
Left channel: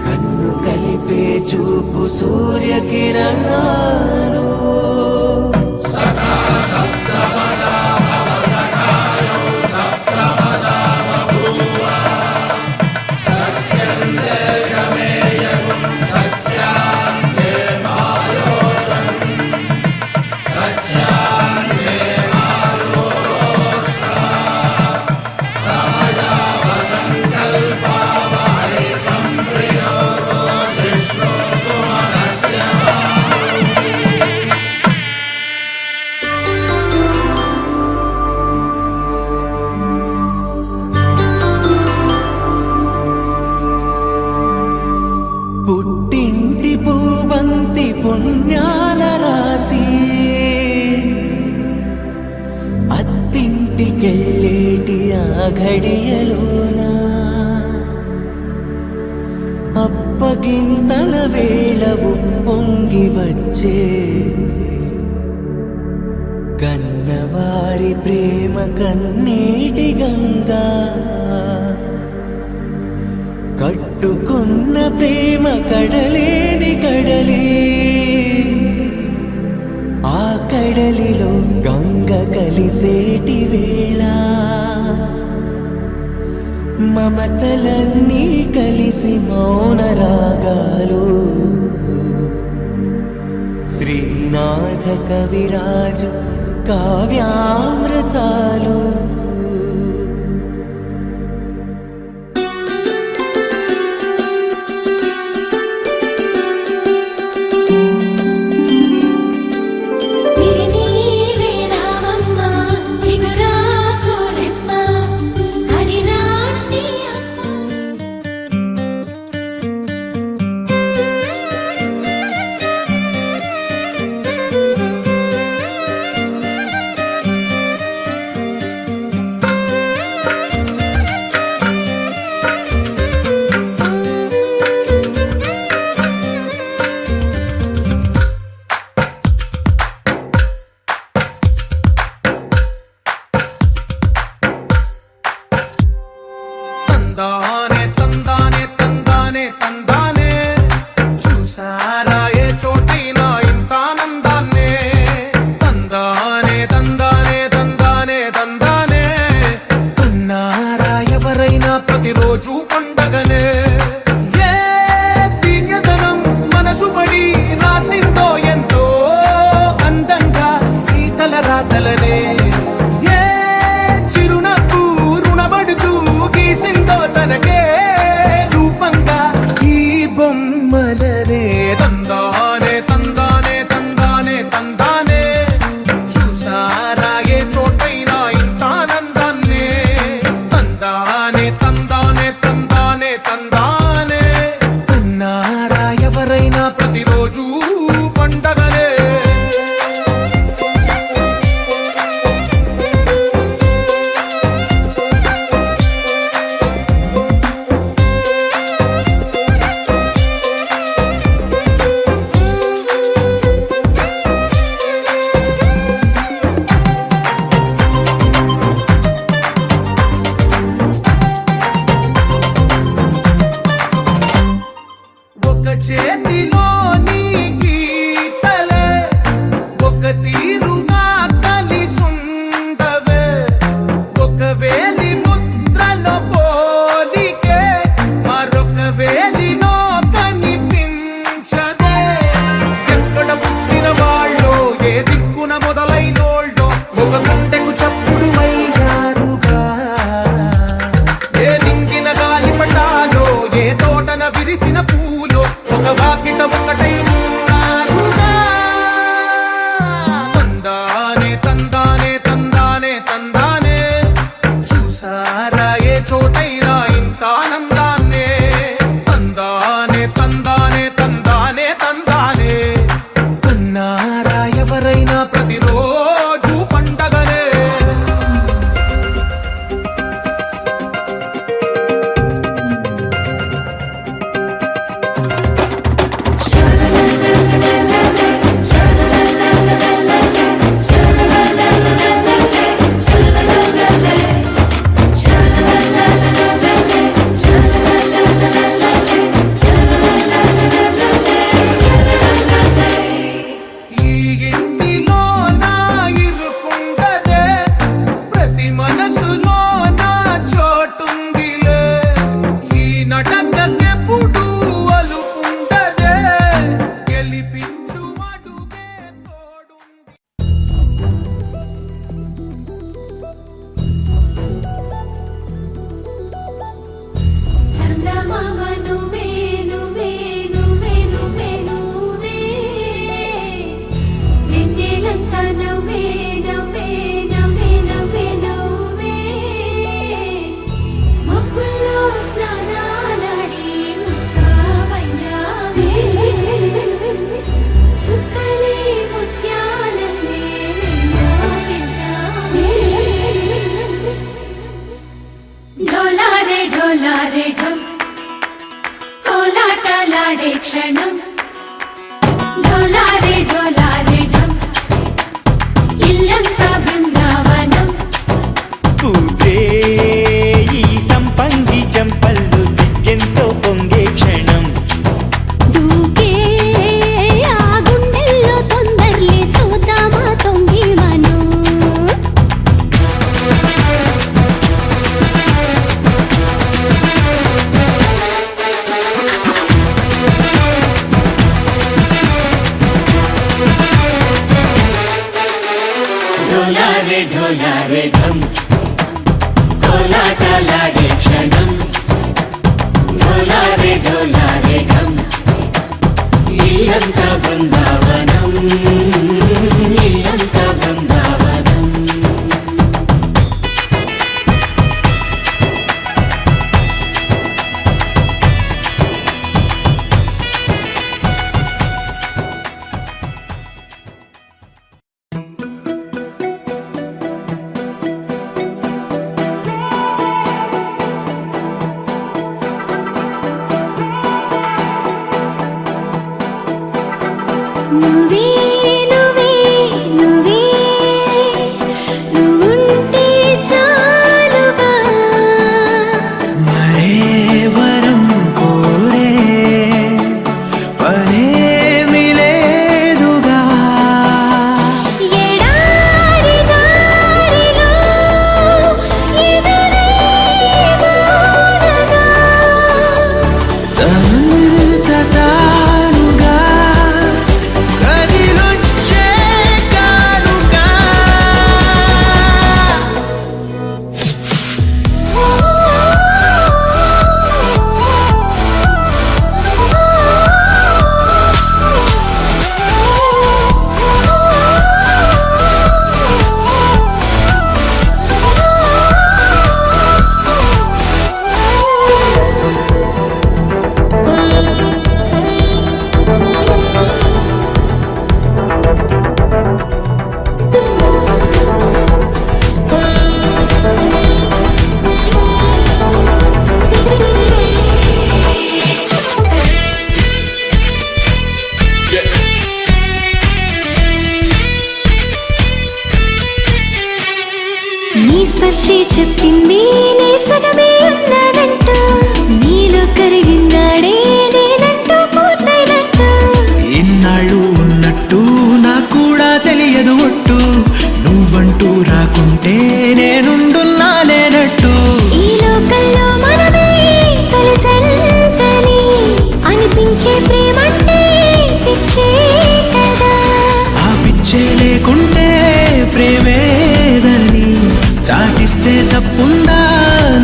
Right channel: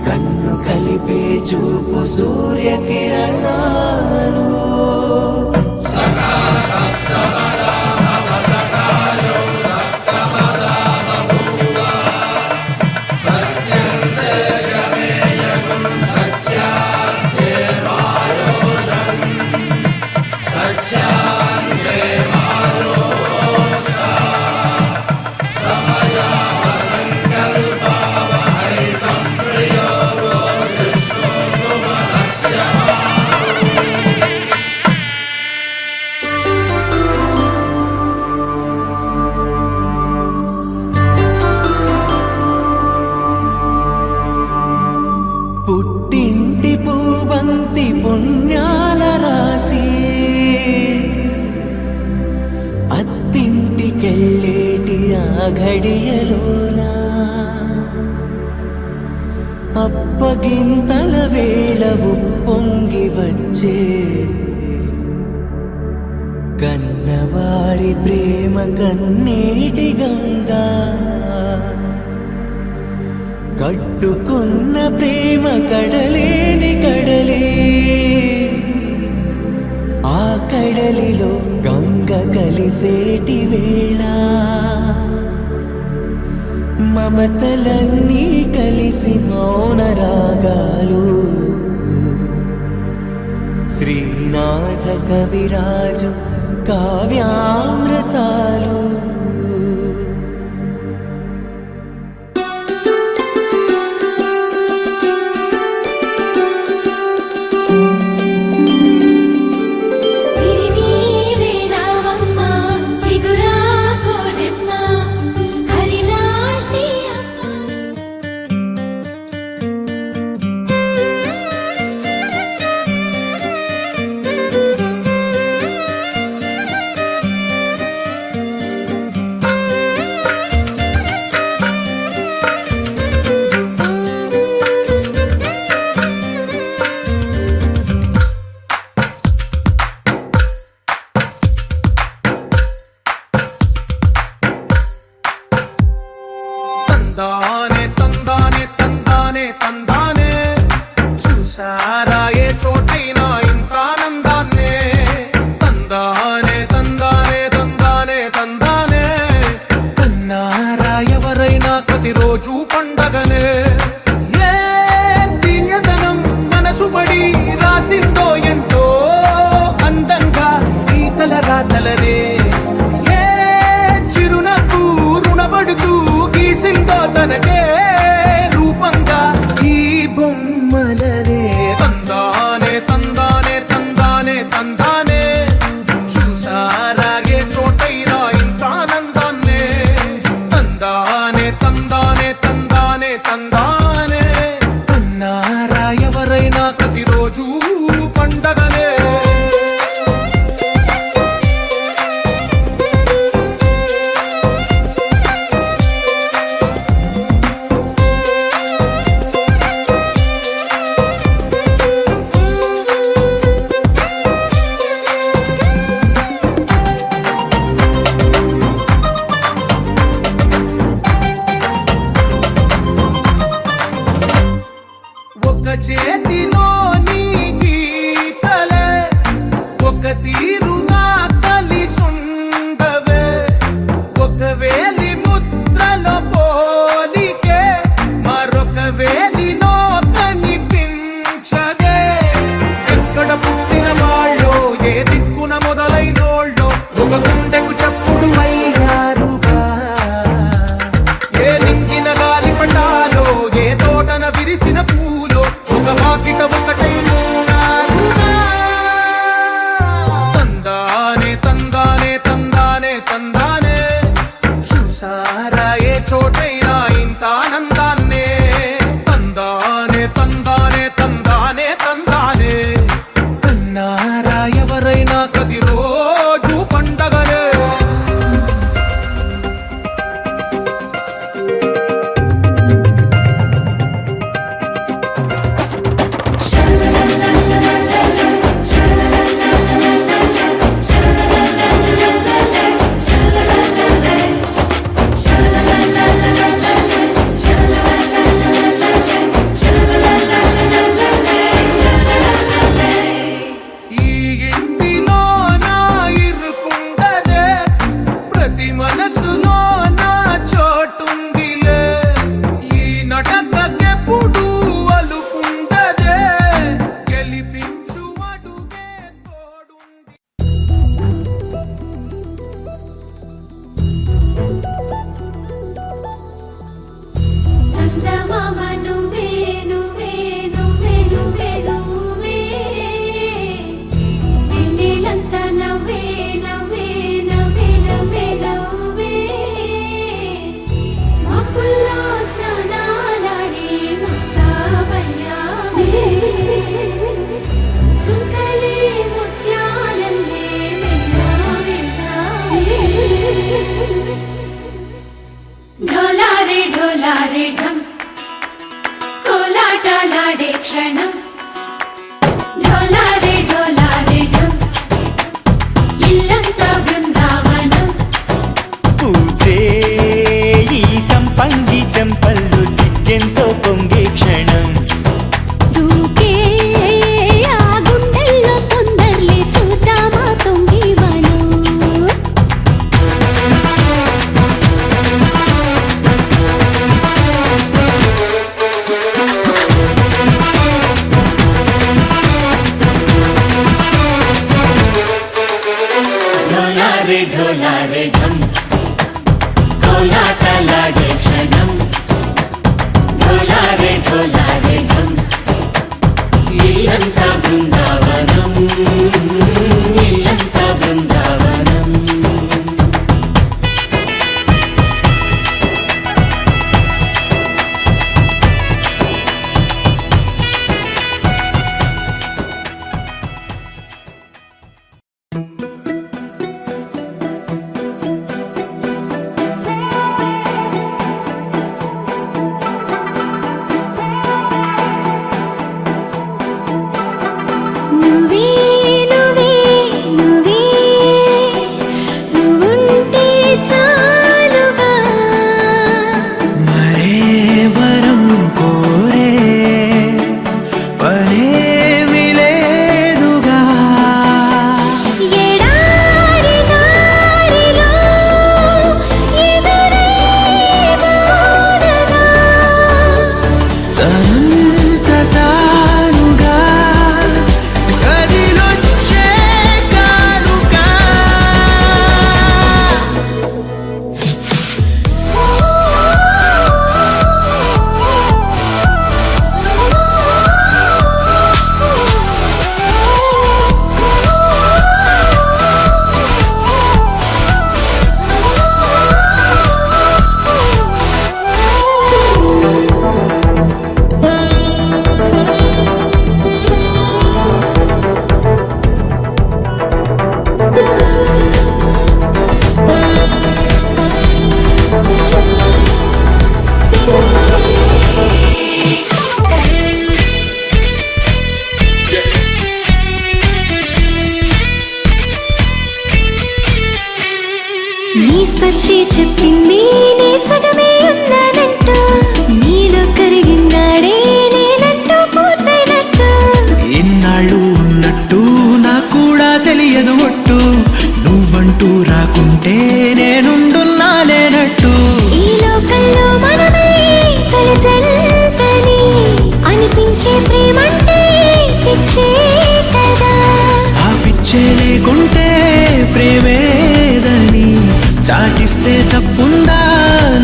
కన్ను కలిపే చూపు సూర్యకిరణాలు పుట్టింటి పూవంతి పుణ్యాల రాసి అత్తింటికెళ్ళేటి ఆ ఘడియలోనా అప్పగింతల వేళవు పొంగి వచ్చే కన్నవారి ప్రేమ కన్నీటి గంగా కట్టుకున్న ప్రేమ కడలేని కడలి ఆ కడలిలో గంగ కలిసేటి వేళ మమతలన్నీ కలిసి మౌన రాగాలు శ్రీనాథ కవిరాజు కావ్యామృతాలు తందానే తందానే తందానే తందానే చూసారా ఏ చోటైనా ఇంత ఆనందాన్నే తందానే తందానే తందానే తందానే కన్నారా ఎవరైనా ప్రతిరోజు పండగనే ఏ తీయదనం మనసు పడి రాసిందో ఎంతో అందంగా ఈ తలరాతలనే ఏ చిరునవ్వు రుణపడుతూ గీసిందో తనకే రూపంగా ఈ బొమ్మలనే తందానే తందానే తందానే తందానే చూసారా ఏ చోటైనా ఇంత ఆనందాన్నే తందానే తందానే తందానే తందానే కన్నారా ఎవరైనా ప్రతిరోజు పండగనే ఒక చేతిలో నీ గీతలే ఒక తీరుగా కలిసుండవే ఒక వేలి ముద్రల పోలికే మరొక వేలిలో కనిపించదే ఎక్కడ పుట్టిన వాళ్ళో ఏ దిక్కున మొదలైనోళ్ళో ఒక గుండెకు చప్పుడు అయ్యారుగా ఏ నింగిన గాలి పటాలో ఏ తోటన విరిసిన పూలో ఒక వాకిట ఒకటై ఉన్నారుగా తందానే తందానే తందానే తందానే చూసారా ఏ చోటైనా ఇంత ఆనందాన్నే తందానే తందానే తందానే తందానే కన్నారా ఎవరైనా ప్రతిరోజు పండగనే ఈ ఇంటిలో నా ఇరుకుండదే ప్రతి మనసులో నా చోటుందిలే ఈ నటకెప్పుడు అలుకుండదే గెలిపించు అడుగే తోడుంది చందమామ నువ్వే నువ్వే నువ్వే నువ్వే నువ్వే వెన్నెలంతా నవ్వే నవ్వే నవ్వే నవ్వే నవ్వే మబ్బుల్లో స్నానాలాడి ముస్తాబయ్యావే చుక్కలే ముత్యాలల్లే మెల్ల వేసావే ढोलारे ढोलारे ढम कोलाटलाडे क्षणम ढोलारे ढोलारे ढम इल्लंता बृंदावनम పూసే ఈ సంపంగి చెంపల్లో సిగ్గెంతో పొంగే క్షణం దూకే ఆ గుండెల్లో తొందల్లి చూద్దామా తొంగి మను కోలాటలాడే క్షణం డోలారే డోలారే ఢం ఇల్లంతా బృందావనం ఇల్లంతా బృందావనం నువ్వే నువ్వే నువ్వే నువ్వుంటే చాలుగా మరే వరం కోరే పనేమి లేదుగా ఎడారి దారిలో ఎదురై వానగా తనంత తానుగా కదిలొచ్చే కానుగా నీ స్పర్శే చెప్పింది నే సగమే ఉన్నానంటూ నీలో కరిగినాడే నేనంటూ పూర్తయినట్టు ఇన్నాళ్ళు ఉన్నట్టు నాకు కూడా తెలియదు ఒట్టు నువ్వంటూ రాకుంటే నేనుండున్నా లేనట్టు ఈ లోకల్లో మనమే తొలి జంటని అనిపించే ప్రేమంటే పిచ్చే కదా ఆ పిచ్చే లేకుంటే ప్రేమేదని చాటిస్తే తప్పుందా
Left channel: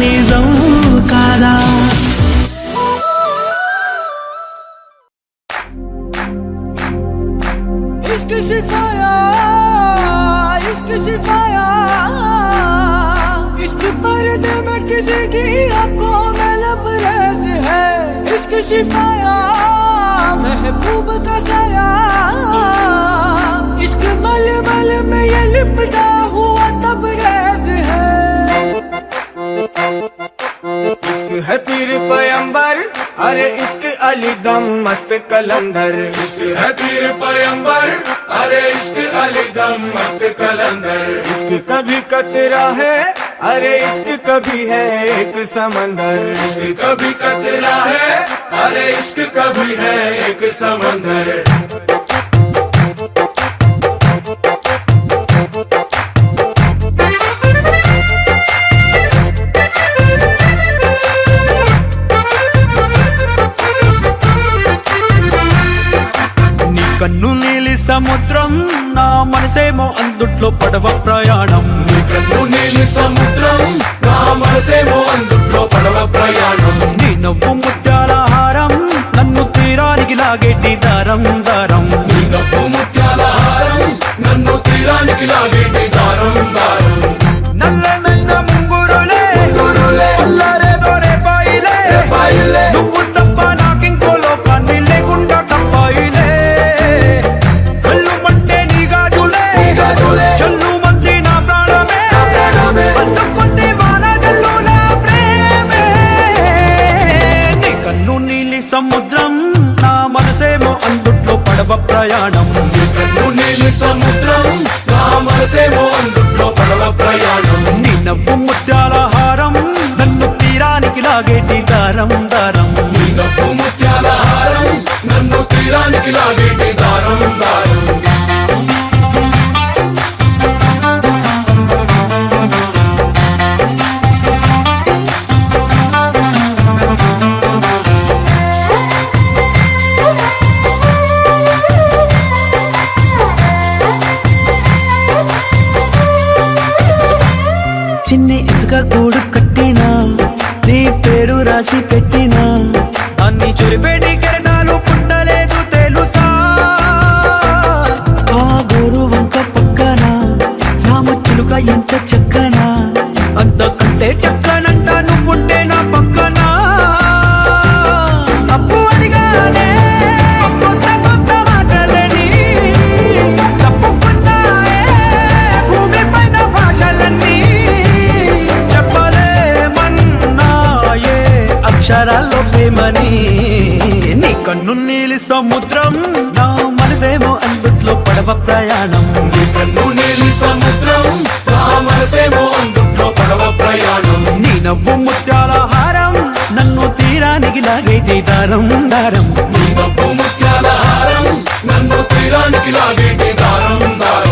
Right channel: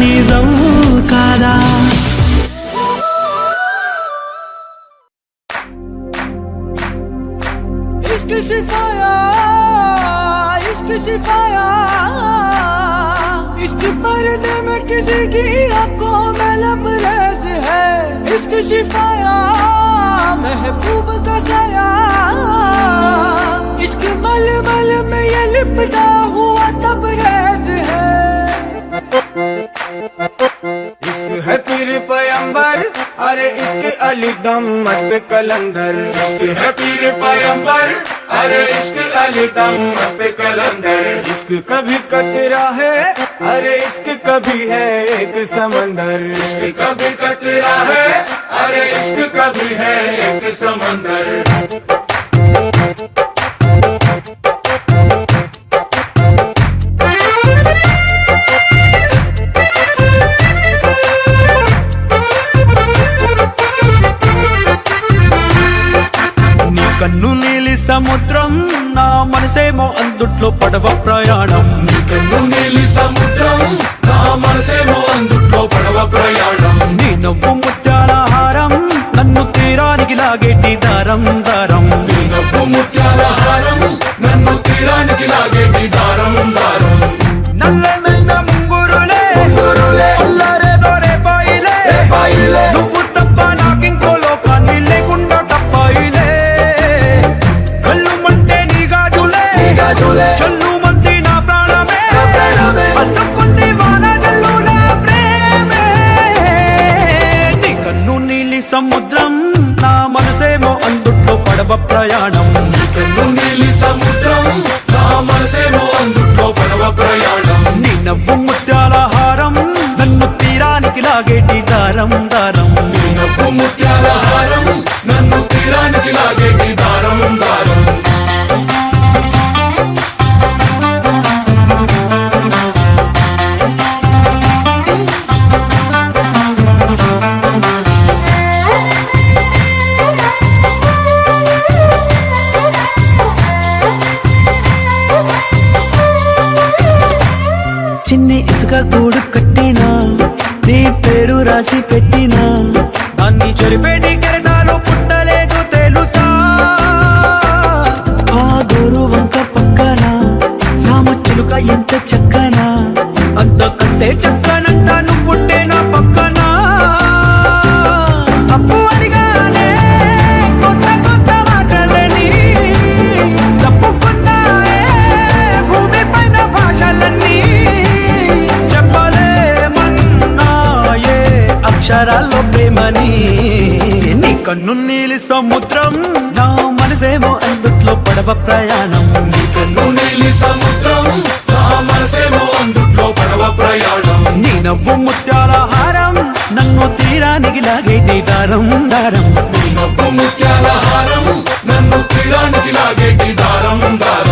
నిజం కాదా इश्क सिफाया इश्क सिफाया इश्क पर्दे में किसी की आंखों में लबरेज है इश्क सिफाया महबूब का साया इश्क मलमल में ये लिपटा हुआ तबरेज है इश्क है पीर पैगंबर अरे इश्क अली दम मस्त कलंदर इश्क है पीर पैगंबर अरे इश्क अली दम मस्त कलंदर इश्क कभी कतरा है अरे इश्क कभी है एक समंदर इश्क कभी कतरा है अरे इश्क कभी है एक समंदर కన్ను నీలి సముద్రం నా మనసేమో అందుట్లో పడవ ప్రయాణం కన్ను నీలి సముద్రం నా మనసేమో అందుట్లో పడవ ప్రయాణం నీ నవ్వు ముత్యాల హారం నన్ను తీరానికి లాగేటి దారం దారం నీ నవ్వు ముత్యాల హారం నన్ను తీరానికి లాగేటి దారం దారం నల్లనైన ముంగురులే అల్లారేదో రేపాయిలే నువ్వు తప్ప నాకింకో లోకాన్ని లేకుండా తప్పాయిలే కళ్ళుమంటే నీ గాజులే చల్లు మంది నా ప్రాణమే అల్లుకుంది వాన జల్లుల ప్రేమే నీ కన్ను నీలి సముద్రం నా మనసేమో అందుట్లో పడవ ప్రయాణం కన్ను నీలి సముద్రం నా మనసేమో అందుట్లో పడవ ప్రయాణం నీ నవ్వు ముత్యాల హారం నన్ను తీరానికి లాగేటి దారం దారం నీ నవ్వు ముత్యాల హారం నన్ను తీరానికి లాగేటి దారం దారం చిన్ని చిన్ని ఇసుక గూడు కట్టినా నీ పేరు రాసి పెట్టినా అన్ని చొరిపేటి కెరటాలు పుట్టలేదు తెలుసా ఆ గోరు వంక పక్కన రామచిలుక ఎంత చక్కనా అంతకంటే చక్కనంట నువ్వుంటే నా పక్కన అప్పు అడిగానే కొత్త కొత్త మాటలని తప్పుకున్నాయే భూమి పైన భాషలన్నీ చెప్పలేమన్నాయే అక్షరాల్లో ప్రేమని నీ కన్ను నీలి సముద్రం నా మనసేమో అందుట్లో పడవ ప్రయాణం కన్ను నీలి సముద్రం నా మనసేమో అందుట్లో పడవ ప్రయాణం నీ నవ్వు ముత్యాల హారం నన్ను తీరానికి లాగేటి దారం దారం నీ నవ్వు ముత్యాల హారం నన్ను తీరానికి లాగేటి దారం దారం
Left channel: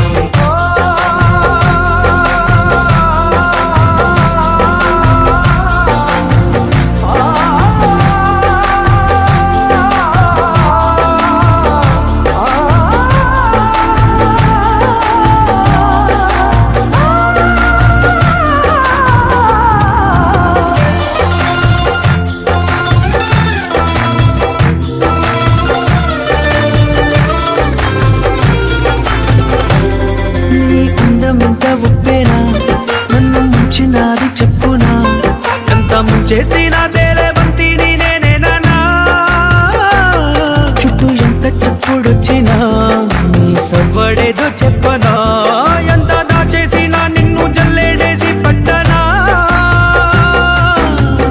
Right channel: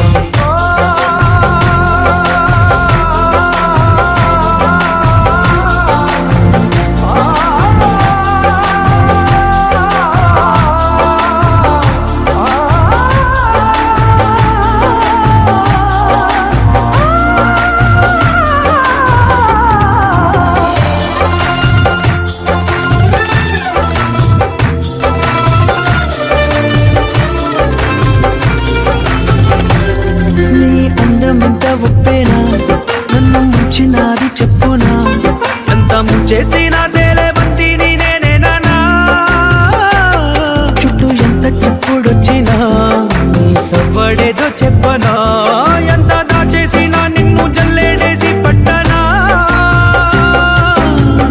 ఎంత ఒప్పేనా నన్ను ముంచినాది చెప్పునా ఎంత ముంచేసినా తేలేవంతి నేనేనా చుట్టూ ఎంత చెప్పుడొచ్చినా నీ సవ్వడేదో చెప్పనా ఎంత దాచేసినా నిన్ను జల్లేడేసి పట్టనా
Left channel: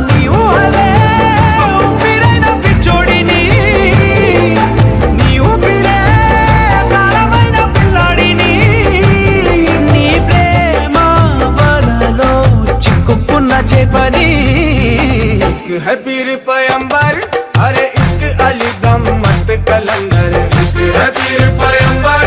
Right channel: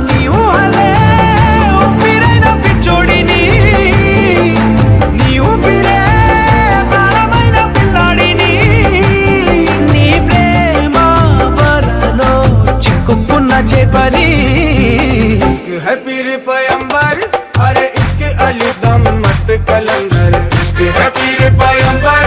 నీ ఊహలే ఊపిరైన పిచ్చోడిని నీ ఊపిరే ప్రాణమైన పిల్లాడిని నీ ప్రేమ వలలో చిక్కుకున్న చేపని इश्क है पीर पैगंबर अरे इश्क अली दम मस्त कलंदर इश्क है पीर पैगंबर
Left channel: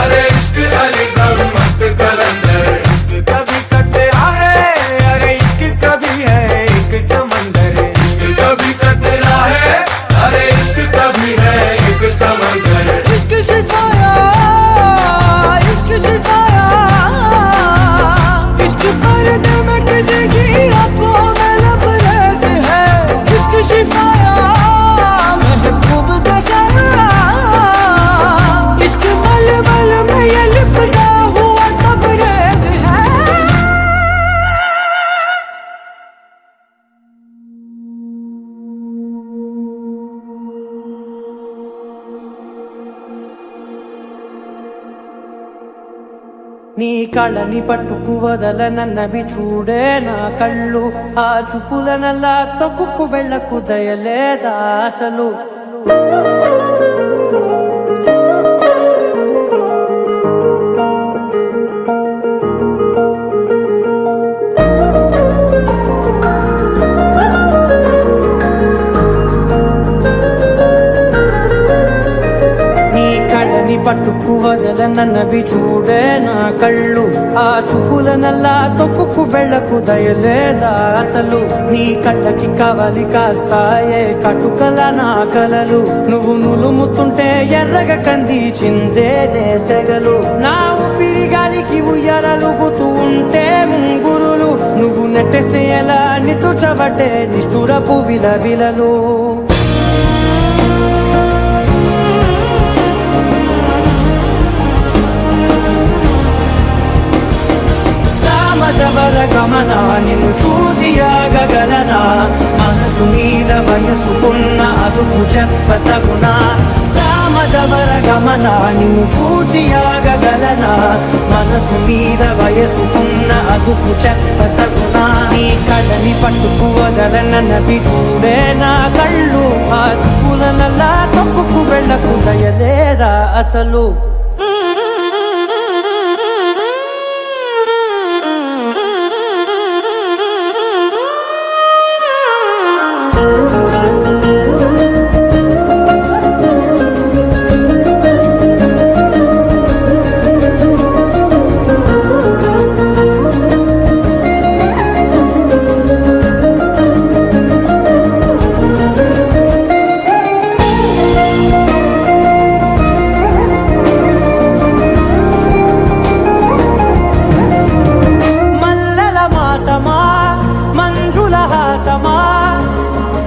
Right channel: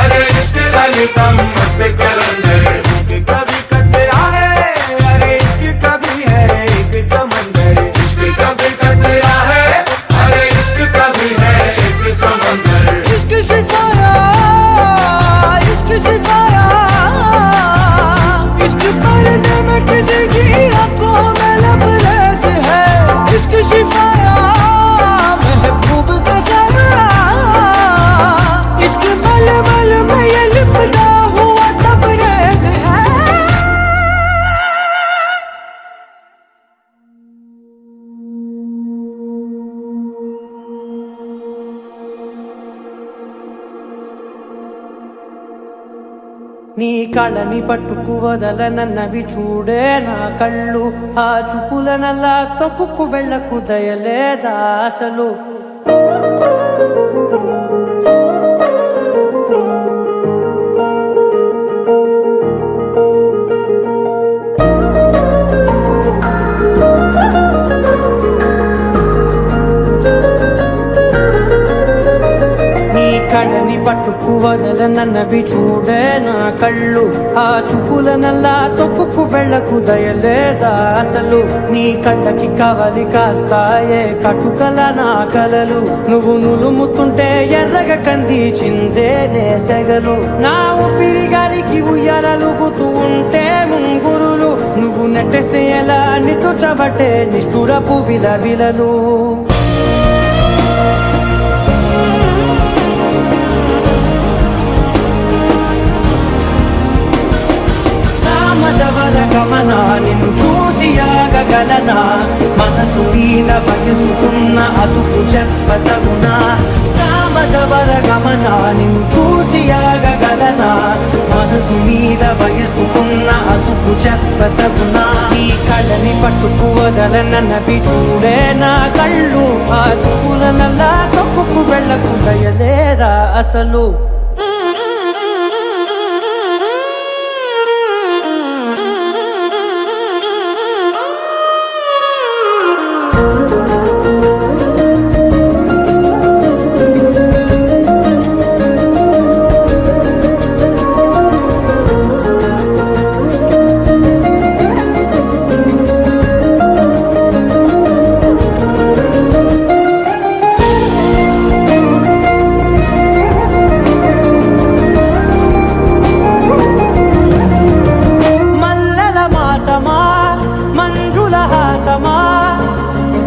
अरे इश्क अली दम मस्त कलंदर इश्क कभी कतरा है अरे इश्क कभी है एक समंदर इश्क कभी कतरा है अरे इश्क कभी है एक समंदर इश्क शिफाया इश्क शिफाया इश्क पर्दे में किसी की आंखों में लबरेज है इश्क शिफाया महबूब का सरा इश्क मलमल में ये लिपटा हुआ तबरेज है నీ కళ్ళని పట్టుకు వదలనన్నవి చూడే నా కళ్ళు ఆ చూపులనల్లా తొక్కుకు వెళ్ళకు దయలేదా అసలు నీ కళ్ళని పట్టుకు వదలనన్నవి చూడే నా కళ్ళు ఆ చూపులనల్లా తొక్కుకు వెళ్ళకు దయలేదా అసలు నీ కళ్ళకి కవలి కాస్తాయే కటుకల నా కలలు నువ్వు నులుముతుంటే ఎర్రగా కందిచిందే నేసెగలు నా ఊపిరి గాలికి ఉయ్యాలలుగుతూ ఉంటే ముంగురులు నువ్వు నెట్టేస్తే ఎలా నిట్టుచబట్టే నిష్ఠురపు విలవిలలు గమనా నిన్ను చూసి ఆగగలనా మనసు మీద వయసుకున్న అదుపు చెప్పతగునా సామజవర గమనా నిన్ను చూసి ఆగగలనా మనసు మీద వయసుకున్న అదుపు చెప్పతగునా నీ కళ్ళని పట్టుకు వదలనన్నవి చూడే నా కళ్ళు ఆ చూపులనల్లా తొక్కుకు వెళ్ళకు దయలేరా అసలు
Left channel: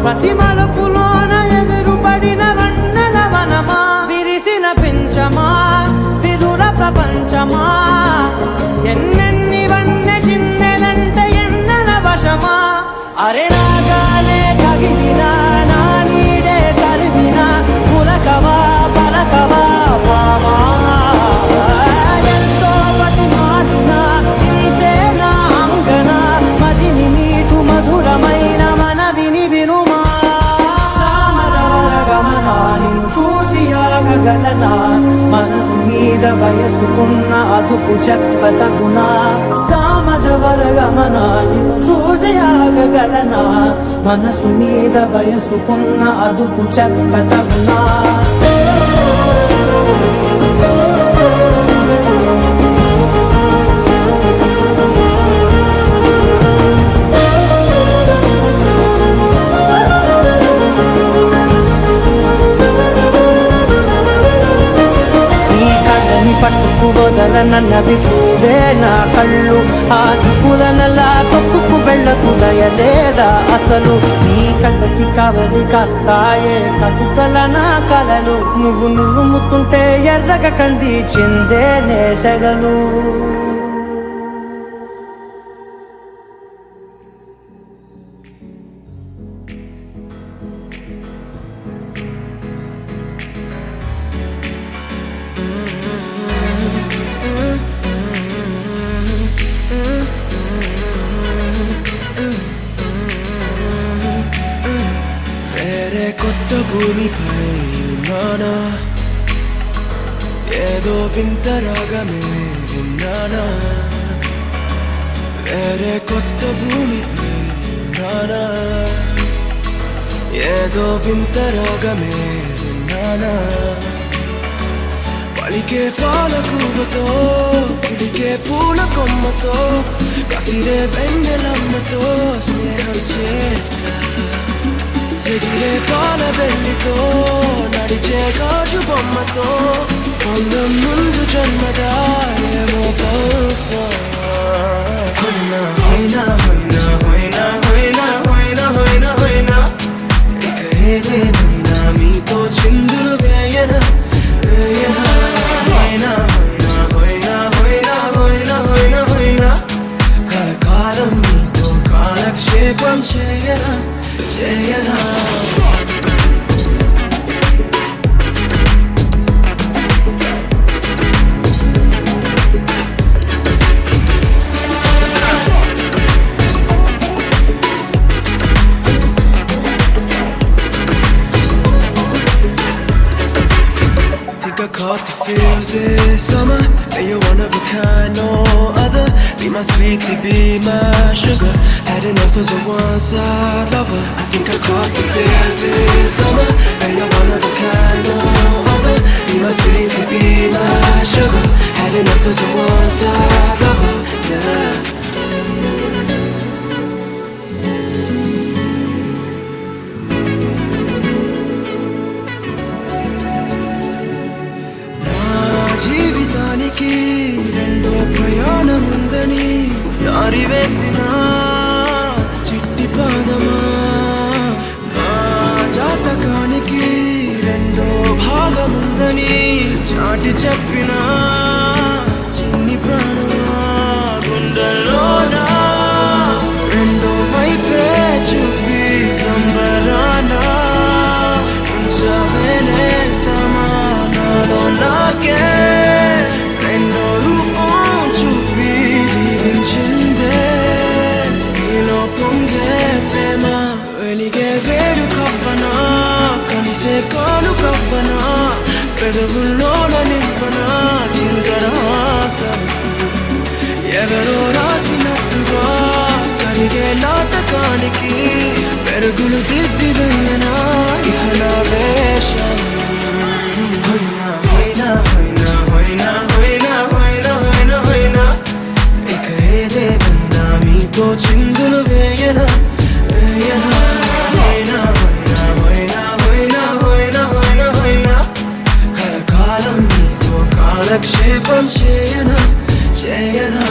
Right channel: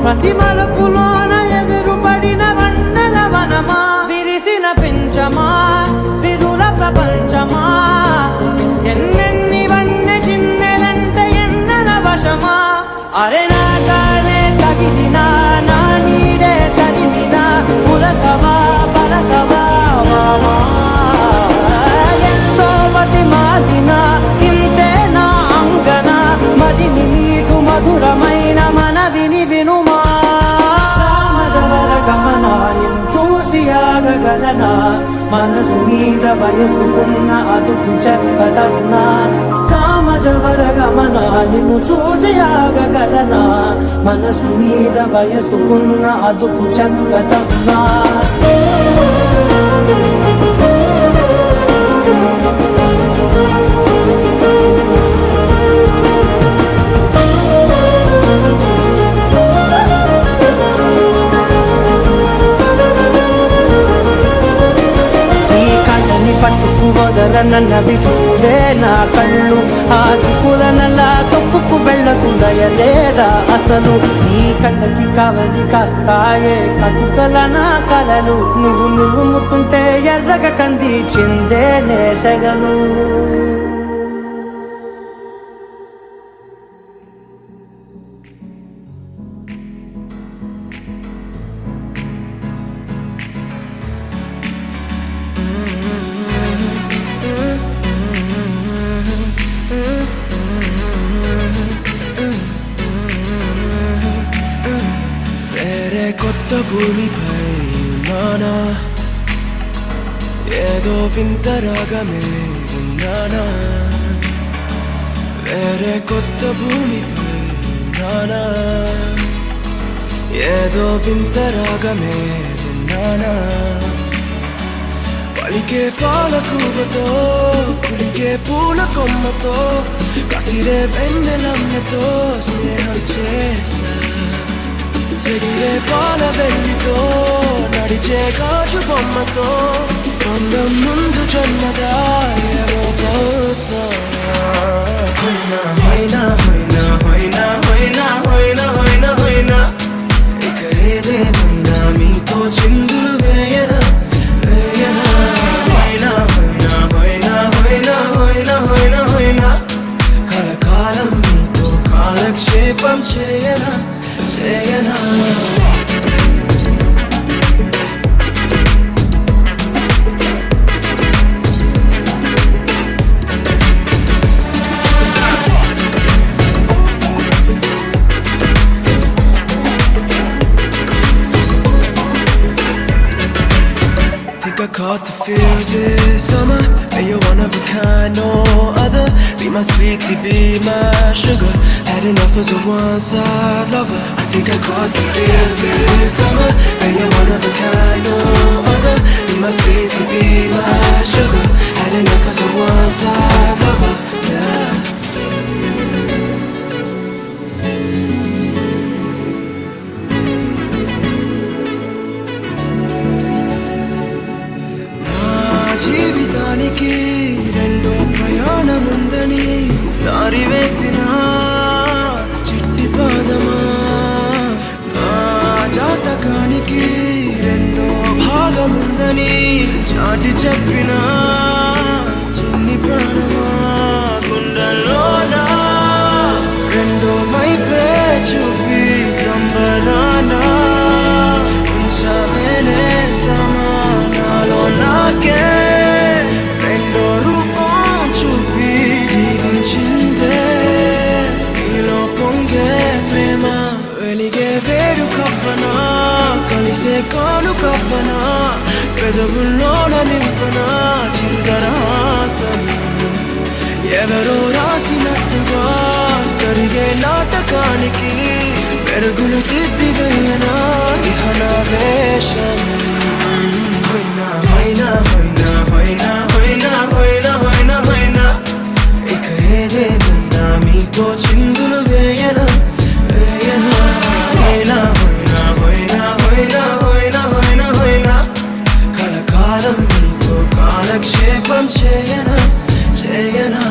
ప్రతి మలుపులోన ఎదురుపడిన వన్నెల వనమా, విరిసిన పించమా విరుల ప్రపంచమా, ఎన్నెన్ని వన్నె చిన్నెలంటే ఎన్నెల వశమా. అరే నా గాలే తగిలినా నా నీడే తరిమినా ఉలకవా పలకవా వామా. ఎంతో మది మారినా ఇంతే నా అంగన, మదిని నీటు మధురమైన మనవిని వినుమా. సామజవర గమనా నిన్ను చూసి ఆగగలనా, మనసు మీద వయసుకున్న అదుపు చెప్పదగునా. సామజవర గమనా నిన్ను చూసి ఆగగలనా, మనసు మీద వయసుకున్న అదుపు చెప్పదగునా. పట్టుకు వదలనన్నవి చూడే నా కళ్ళు, ఆ చూపులనలా తొక్కుకు వెళ్ళకు దయలేదా అసలు. నీ కళ్ళకి కవలి కాస్తాయే కటుకల నా కలలు, నువ్వు నులుముతుంటే ఎర్రగ కంది చిందే నేసెగలు. కొత్త భూమిపై ఉన్నానా, ఏదో వింత రాగమే విన్నానా. వేరే కొత్త భూమిపై ఉన్నానా, ఏదో వింత రాగమే విన్నానా. పలికే పాలకూవతో కులికే పూల కొమ్మతో, కసిరే వెన్నెలమ్మతో స్నేహం చేసా. ఎగిరే పాల వెల్లితో నడిచే గాజు బొమ్మతో, అందం ముందు జన్మదా ఏమో బహుశా. హోయినా హోయినా హోయినా హోయినా హోయినా హోయినా హోయినా హోయినా, ఇక ఏదేమైనా మీతో చిందులు వేయనా వేయనా. హోయినా హోయినా హోయినా హోయినా హోయినా హోయినా హోయినా, కలకాలం మీతో కాలక్షేపం చేయనా చేయనా. Think I caught the feels this summer, but you're one of a kind, no other. Be my sweetie, be my sugar, had enough as a one-side lover. I think I caught the feels this summer, but you're one of a kind, no other. Be my sweetie, be my sugar, had enough as a one-side lover, yeah. జీవితానికి రెండో ప్రయాణముందని దారి వేసిన చిట్టి పాదమా, నా జాతకానికి రెండో భాగముందని చాటి చెప్పిన చిన్ని ప్రాణమా. గుండెల్లోనా రెండో వైపే చూపి సంబరానా, ఉంచవేనేస్తామా నాలో నాకే. రెండో రూపం చూపి దీవించిందే నీలో పొంగే ప్రేమ. వెలిగే వేడు కవ్వనా, కలిసే కాను కవ్వనా, పెదవుల్లోన నింపనా చిరుదరాసం. ఎవరో రాసినట్టుగా జరిగే నాటకానికి మెరుగులు దిద్దిదయ్యనా ఇహనా వేషం. హోయినా హోయినా హోయినా హోయినా హోయినా హోయినా హోయినా హోయినా, ఇక ఏదేమైనా మీతో చిందులు వేయనా వేయనా. హోయినా హోయినా హోయినా హోయినా హోయినా హోయినా హోయినా, కలకాలం మీతో కాలక్షేపం చేయనా చేయనా.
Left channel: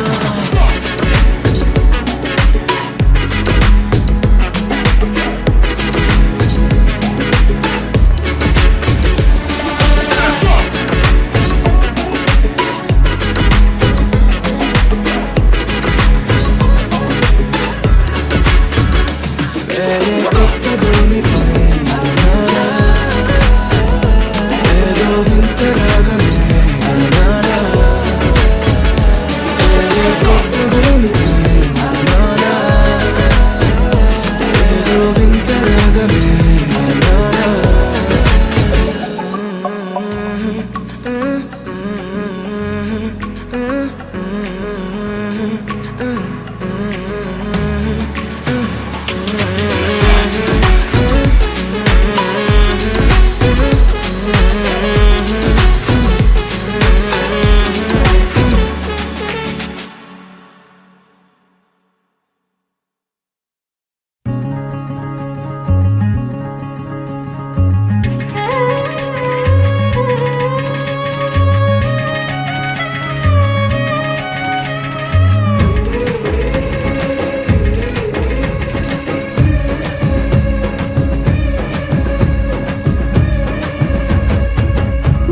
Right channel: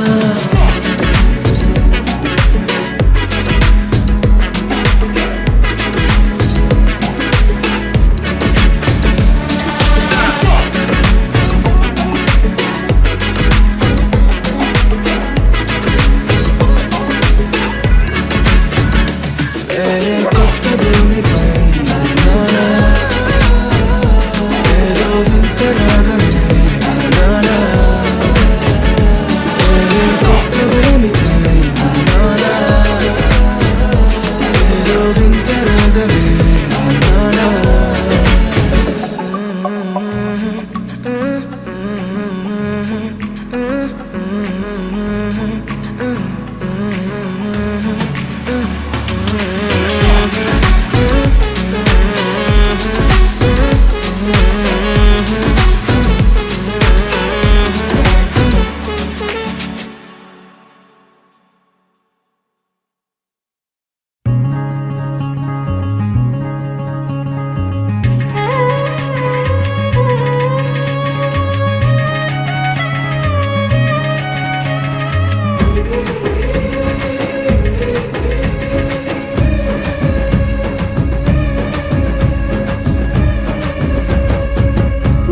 భూమిపై ఉన్నానా ఏదో వింత రాగమే విన్నానా ఏదో కొత్త భూమిపై ఉన్నానా ఏదో వింత రాగమే విన్నానా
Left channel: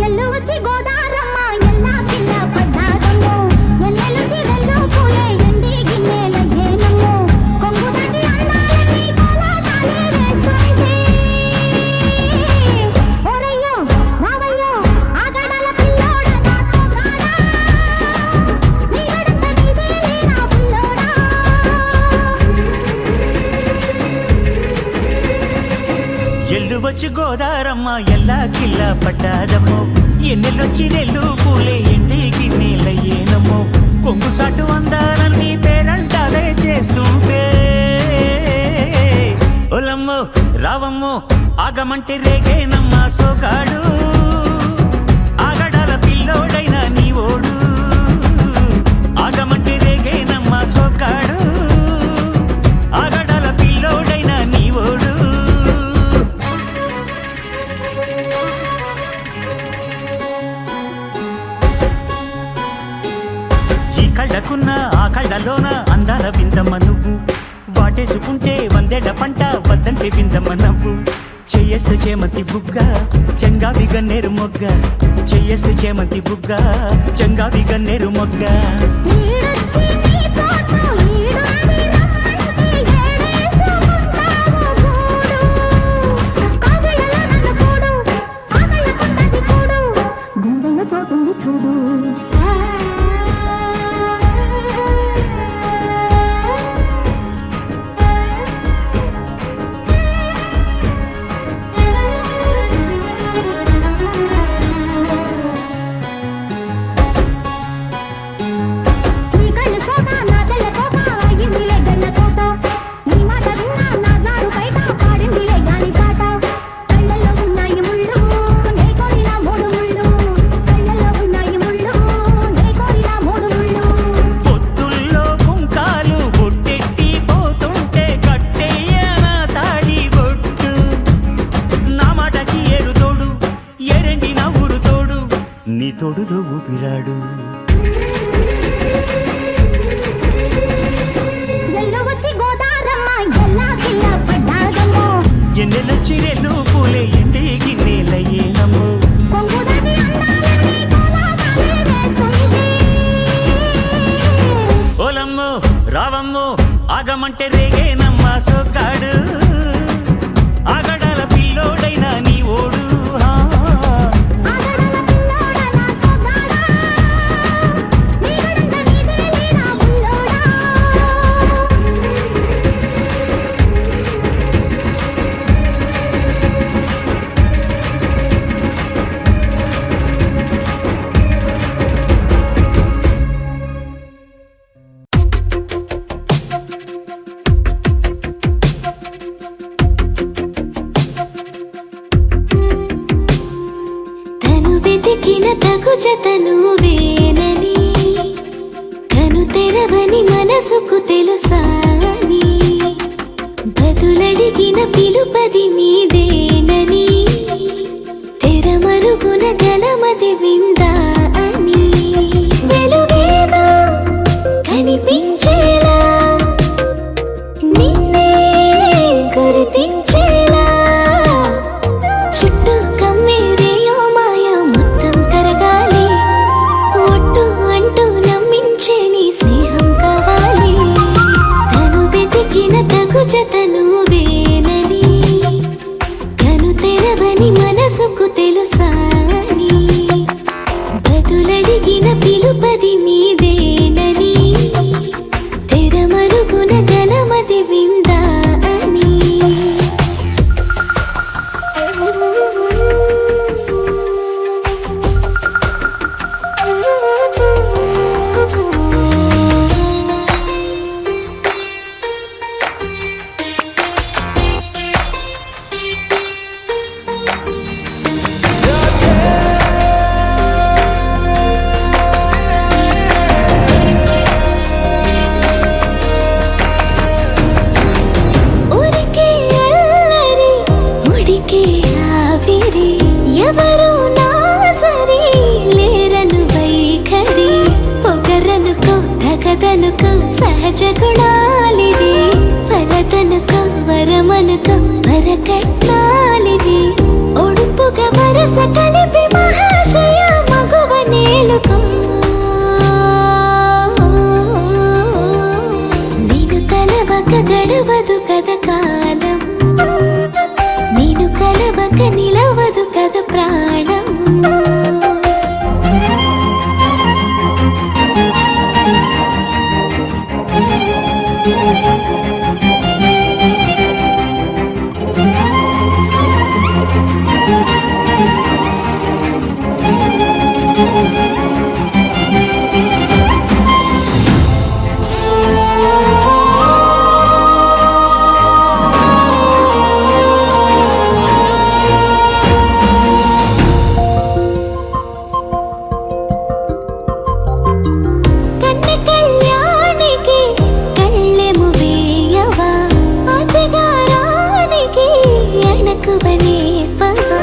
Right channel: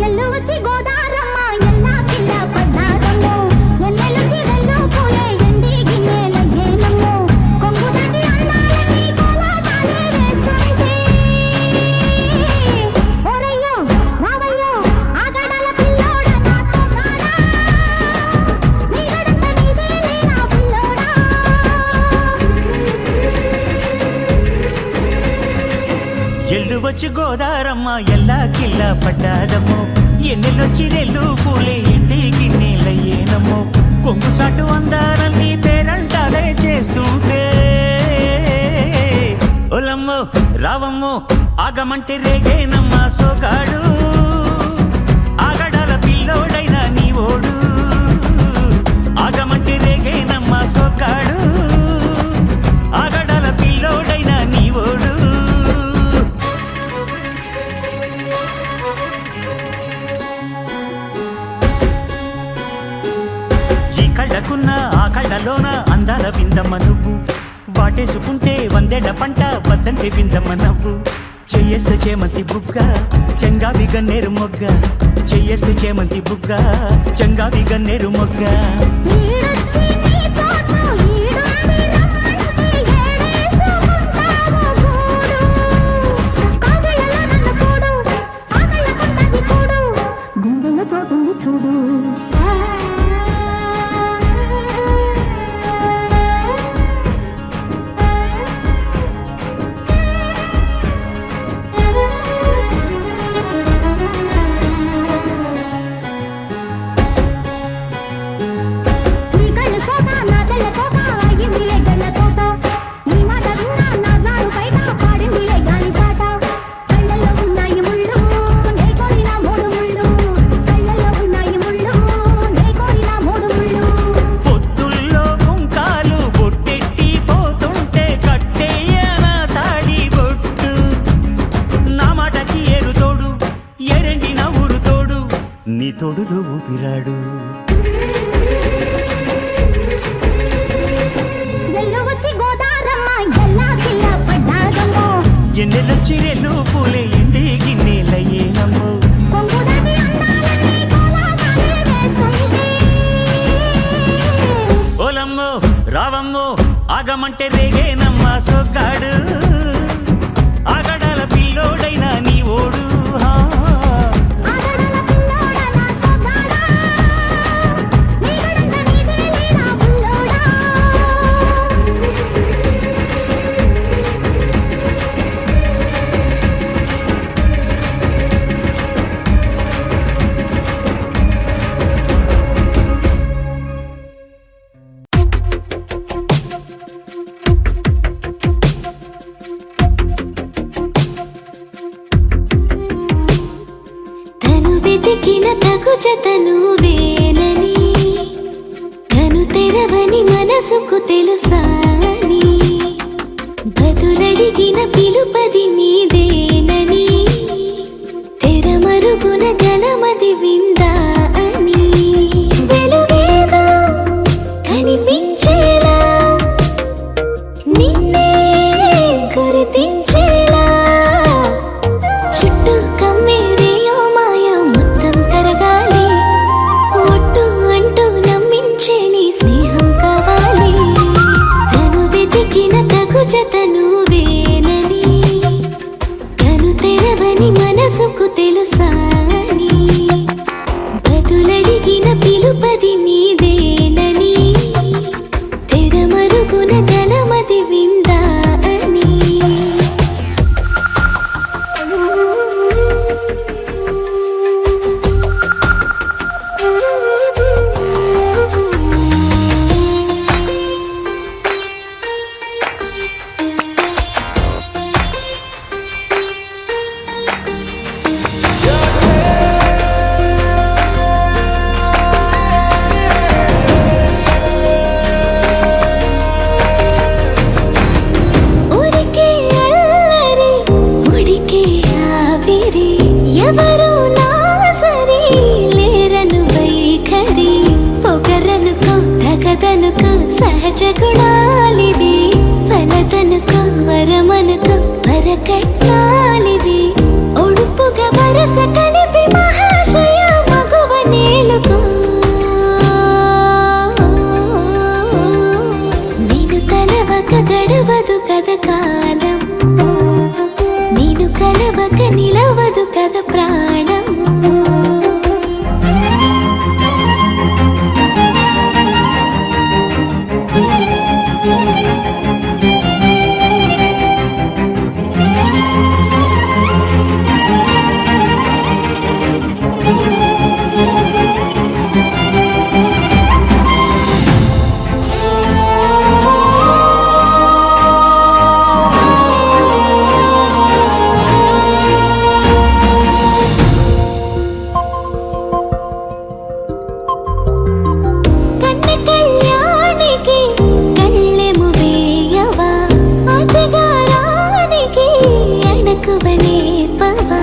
ఎల్లు వచ్చి గోదారమ్మ ఎల్లా కిల్ల పడ్డాదమ్మో ఎన్నెలు తిరల్లో పూలే ఎండి గిన్నెల ఏనమ్మో కొంగు దాటి అందాలని కోలాటాలే వేస్తుంటే ఓరయ్యో రావయ్యో ఆగడాల పిల్లోడ నాతో రాడా నీగడంత నీదేలే నా పిల్లోడా ఎల్లు వచ్చి గోదారమ్మ ఎల్లా కిల్లా పడ్డాదమ్మో ఎన్నెల్లొచ్చి రెల్లు పూలే ఎండి గిన్నెలయ్యేనమ్మో కొంగు చాటు అందాలన్నీ పేరంటాలే చేస్తుంటే ఒలమ్మో రావమ్మో ఆగమంటే రేగేనమ్మా సోగాడు ఆగడాల పిల్లోడైనా నీ ఓడు ఆగమంటే రేగేనమ్మా సోగాడు ఆగడాల పిల్లోడైనా నీ ఓడు ఈ కళ్ళకున్న ఆ కళ్ళలోన అందాల విందమ్మ నువ్వు వాటేసుకుంటే వందేళ్ల పంట వద్దంటే విందమ్మ నవ్వు చెయ్యేస్తే చేమంతి బుగ్గ చెంగావి గన్నేరు మొగ్గ చెయ్యేస్తే చేమంతి బుగ్గ చెంగావి గన్నేరు మొగ్గ ఈడొచ్చి నీ తోట ఈడుంది రమ్మంటే ఏడేసుకుంటావు గూడు కాగలలో నన్ను కూడు ఆగళ్ళకుంటది కూడు గుండెల్లో చోటుంది చూడు నీ కళ్ళు సోట నా తెల్ల కోట అయ్యిందిలే గన్న కోట నీ మాట విన్నా నా జారు బయట పాడిందిలే గాలి పాట కళ్ళల్లో ఉన్నాయి ముళ్ళు నే కోరిన మూడు ముళ్ళు కళ్ళల్లో ఉన్నాయి ముళ్ళు నే కోరిన మూడు ముళ్ళు పొత్తుల్లో కుంకాలు బొట్టెట్టి పోతుంటే కట్టేయన తాడి బొట్టు నా మాటకి ఏరు తోడు ఎరండి నా ఊరు తోడు నీ తోడులో ఊపిరాడు ఎల్లు వచ్చి గోదారమ్మ ఎల్లా కిల్ల పడ్డాదమ్మో ఎన్నెలొచ్చి రెల్లు పూలే ఎండి గిన్నెలయ్యేనమ్మో కొంగు దాటి అందాలని కోలాటాలే వేస్తుంటే ఓలమ్మో రావమ్మో ఆగమంటే రేగేనమ్మా సోగాడు ఆగడాల పిల్లోడైనా నీ ఓడు ఆగడాల పిల్లోడ నా సోగాడా నీగడంత నీదేలే నా బుల్లోడా తను వెతికిన తగు జతను వేనని తను తెరవని మనసుకు తెలుసాని బదులడిగిన పిలుపది నీదేనని తెరమరుగున గలమది విందా అని వెలుగేదో కనిపించేలా నిన్నే గుర్తించేలా చుట్టూ కమ్మేరేయో మాయ మొత్తం కరగాలి ఒట్టు అంటూ నమ్మించే నీ స్నేహం కావాలి తను వెతికిన తగు జతను వేనని ఉన్నది విందా అని ఊరికే అల్లరి ఉడికే ఆవిరి ఎవరు నా సరి లేరను వైఖరి పొగరనుకో తగదనుకో సహజ గుణాలివి ఫలదనుకో వరమనుకో వరకట్నాలివి ఒడుపుగా వరస కలిపి మహాశయ మగువ నేలుకో నేను తలవక గడవదు కద కాలము నేను కలవక నిలవదు కద ప్రాణము కన్న కళ్యాణికి కళ్ళెము వేయవా అతగారానికి అణకువనే పవా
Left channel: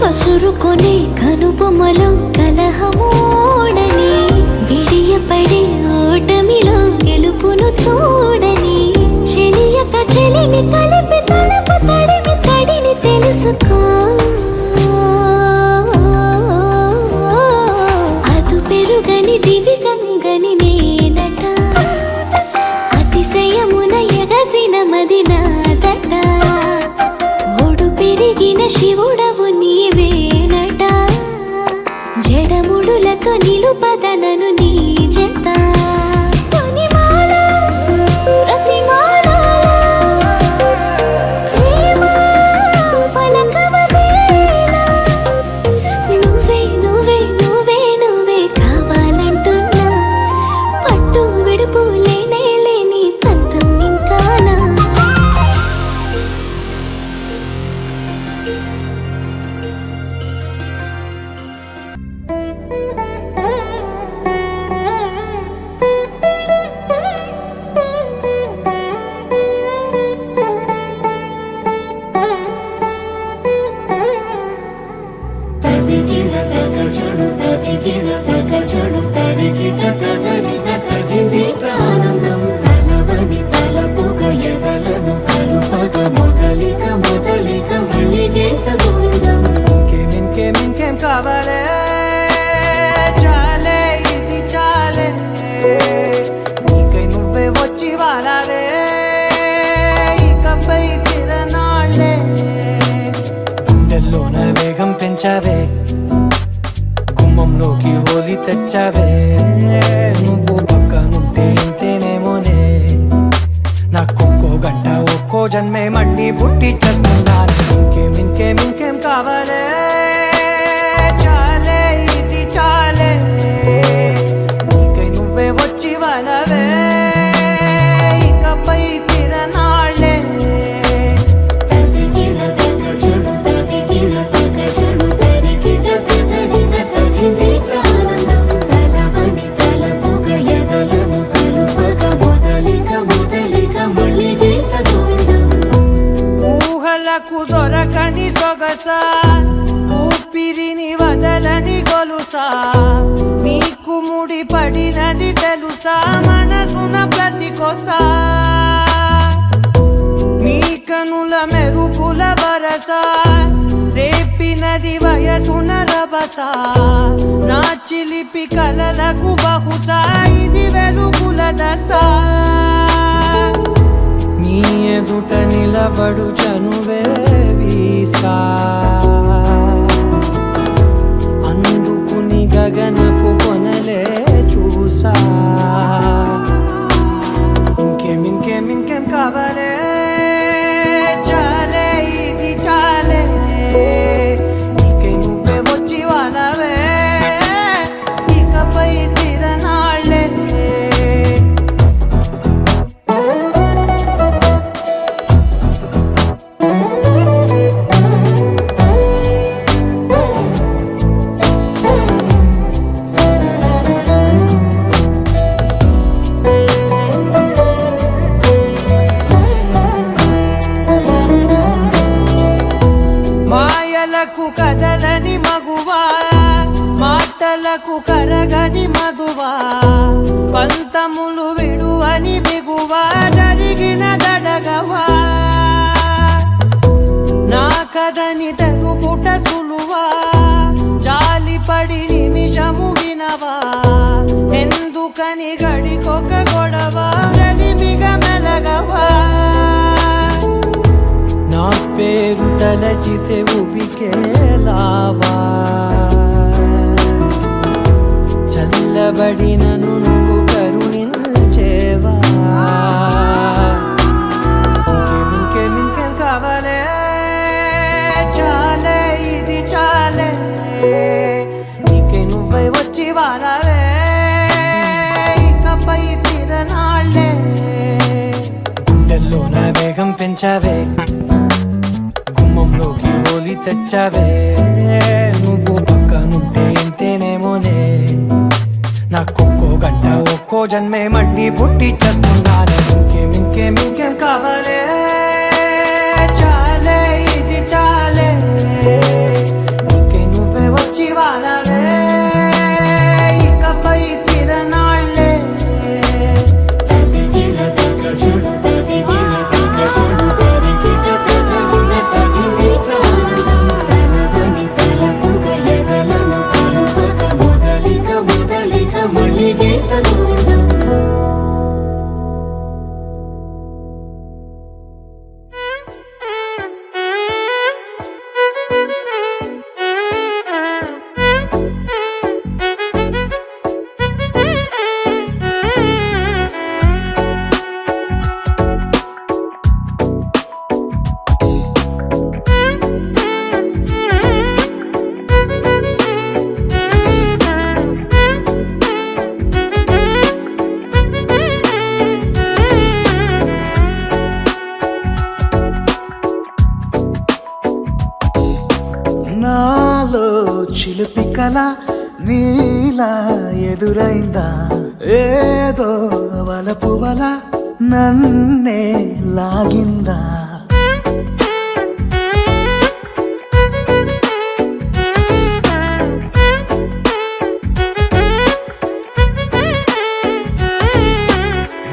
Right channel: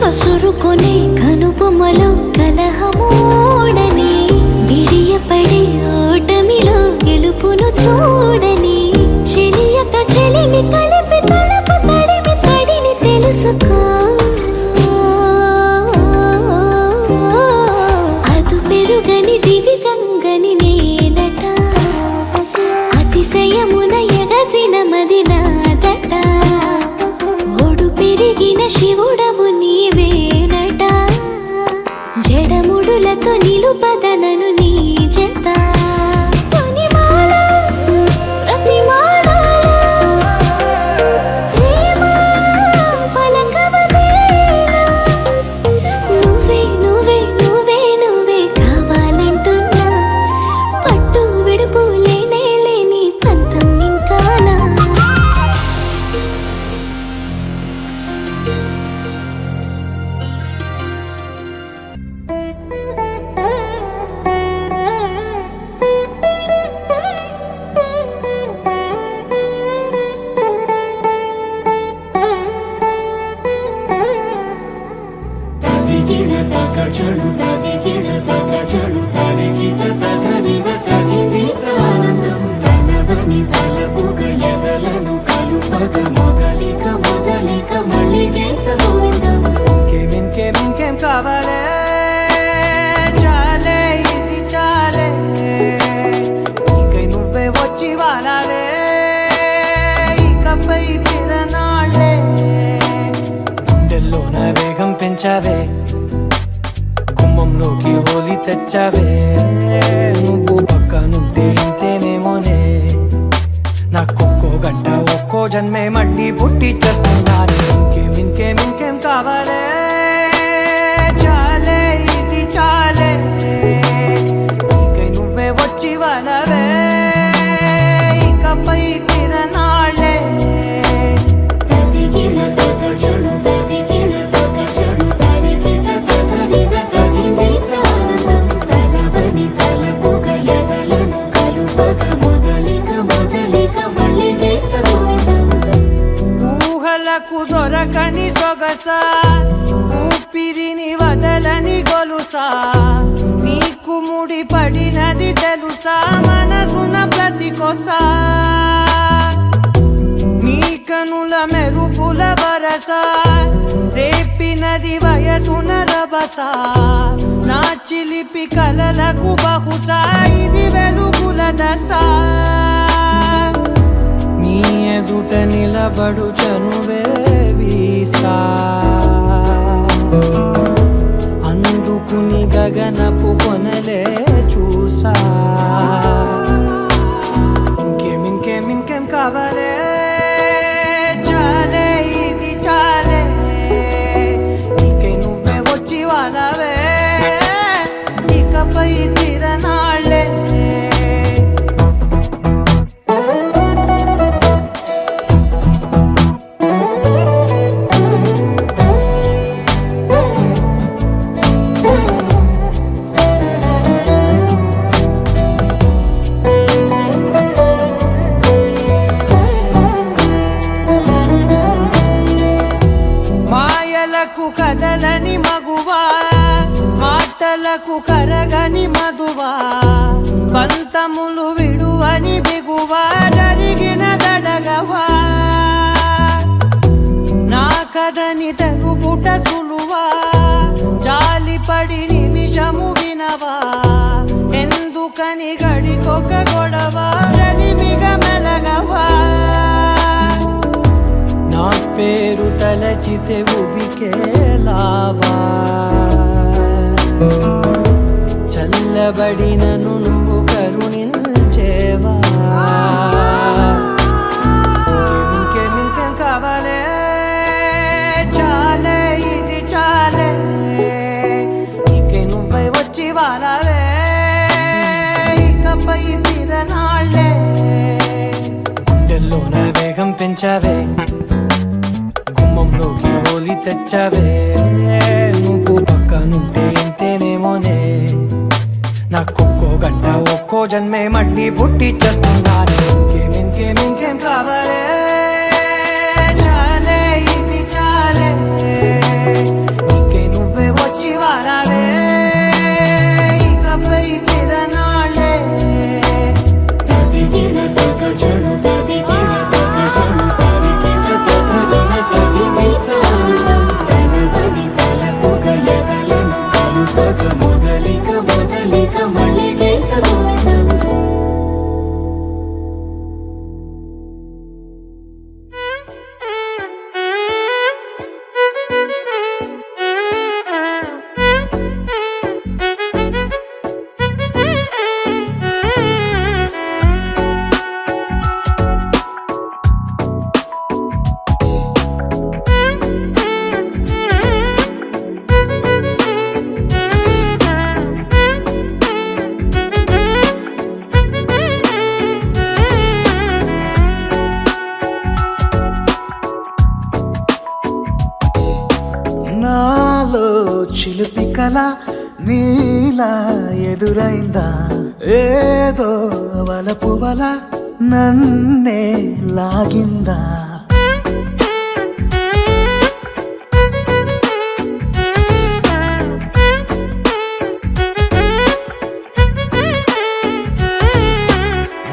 కసురుకొనే కనుబొమ్మలో కలహమోడని బిడియపడే ఓటమిలో గెలుపును చూడని చెలియత చెలిమి కలిపి తలపు తడిమి తడిని తెలుసుకో అదు పెరుగని దివి గంగని నేనట అతిశయమున ఎగసిన మది నాదట ఒడు పెరిగిన శివుడవు నీవేనట జడముడులతో నిలుపదనను నీ జత తొనిమాల ప్రతిమాలలో ప్రేమ పలకవదేలా నువ్వే నువ్వే నువ్వే నువ్వే కావాలంటున్నా పట్టు విడుపు లేనే లేని పంతం ఇంకానా తదిగిడ తగ చడు తదిగిడ తగ చడు తరిగిట తగరిగ తదిదీత ఆనందం తలవని తలపుగ ఎదలను కలుపగ మొగలిక మొదలిక మళ్ళీగీత గోవిందం ఇంకేం కావాలే చాలే ఇది చాలే నీకై నువ్వే వచ్చి వాలాలే ఇకపై తిరనాళ్ళే గుండెల్లోన వేగం పెంచావే గుమ్మంలోకి హోలీ తెచ్చావే నువ్వు పక్కనుంటే ఇంతేనేమోనే నాకొక్కో గంట ఒక్కో జన్మే మళ్ళీ పుట్టి చేస్తున్నాను ఇంకేం కావాలే చాలే ఇది చాలే నీకై నువ్వే వచ్చి వాళ్ళవే ఇకపై తిరనాళ్ళే తదిగిడ తగ చడు తదిగిడ తగ చడు తరిగిట తగరిగ తదిదీత ఆనందం తలవని తలపుగ ఎదలను కలుపగ మొదలిక మొదలిక మళ్ళీగీత గోవిందం ఊహలకు దొరకని సొగస ఊపిరిని వదలని గొలుసా నీకు ముడి పడినది తెలుసా మనసున ప్రతి కొసా నీ కనుల మెరుపుల వరస రేపినది వయసున రభస నా చిలిపి కలలకు బహుశా ఇది వెలుగుల దశ నీ ఎదుట నిలబడు చనువే వీసా అందుకుని గగనపు కొనలే చూసా ఇంకేం కావాలే చాలే ఇది చాలే నీకే నువ్వే వచ్చి వానవే ఇకపై తిరనాళ్ళే మాయలకు కదలని మగువా మాటలకు కరగని మధువా పంతములు విడువని బిగువా జరిగిన దడగవా నా కదని తెలుపుట సులువా జాలిపడి నిమిషము వినవా ఎందుకని గడికొక గొడవ జరిమిగ మెలగవా నా పేరు తలచితే ఉబికేలావా చల్లబడినను నువ్వు కరుణించేవా ఇంకేం కావాలే చాలే ఇది చాలే నీకే నువ్వై వచ్చి వాలవే ఇకపై తిరనాళ్ళే గుండెల్లో నా వేగం పెంచావే గుమ్మంలోకి హోలీ తెచ్చావే నువ్వు పక్కనుంటే ఎంతేనేమోనే నాకొక్కో గంట ఒక్కో జన్మే మళ్ళీ పుట్టి చేస్తున్నానే ఇంకేం కావాలే చాలే ఇది చాలే నీకే నువ్వే వచ్చి వారాలే ఇకపై తిరనాళ్ళే తదిగిన తగ చెడు తదిగిన తగ చెడు తరిగిన తగరిన తగిని ప్రాణం తలవని తలపుగ ఎదలను కలుపగ మొదలిక మళ్ళీ గోవిందం నాలో చిలిపి కల నీలా ఎదురైందా ఏదో వలపు వల నన్నే లాగిందా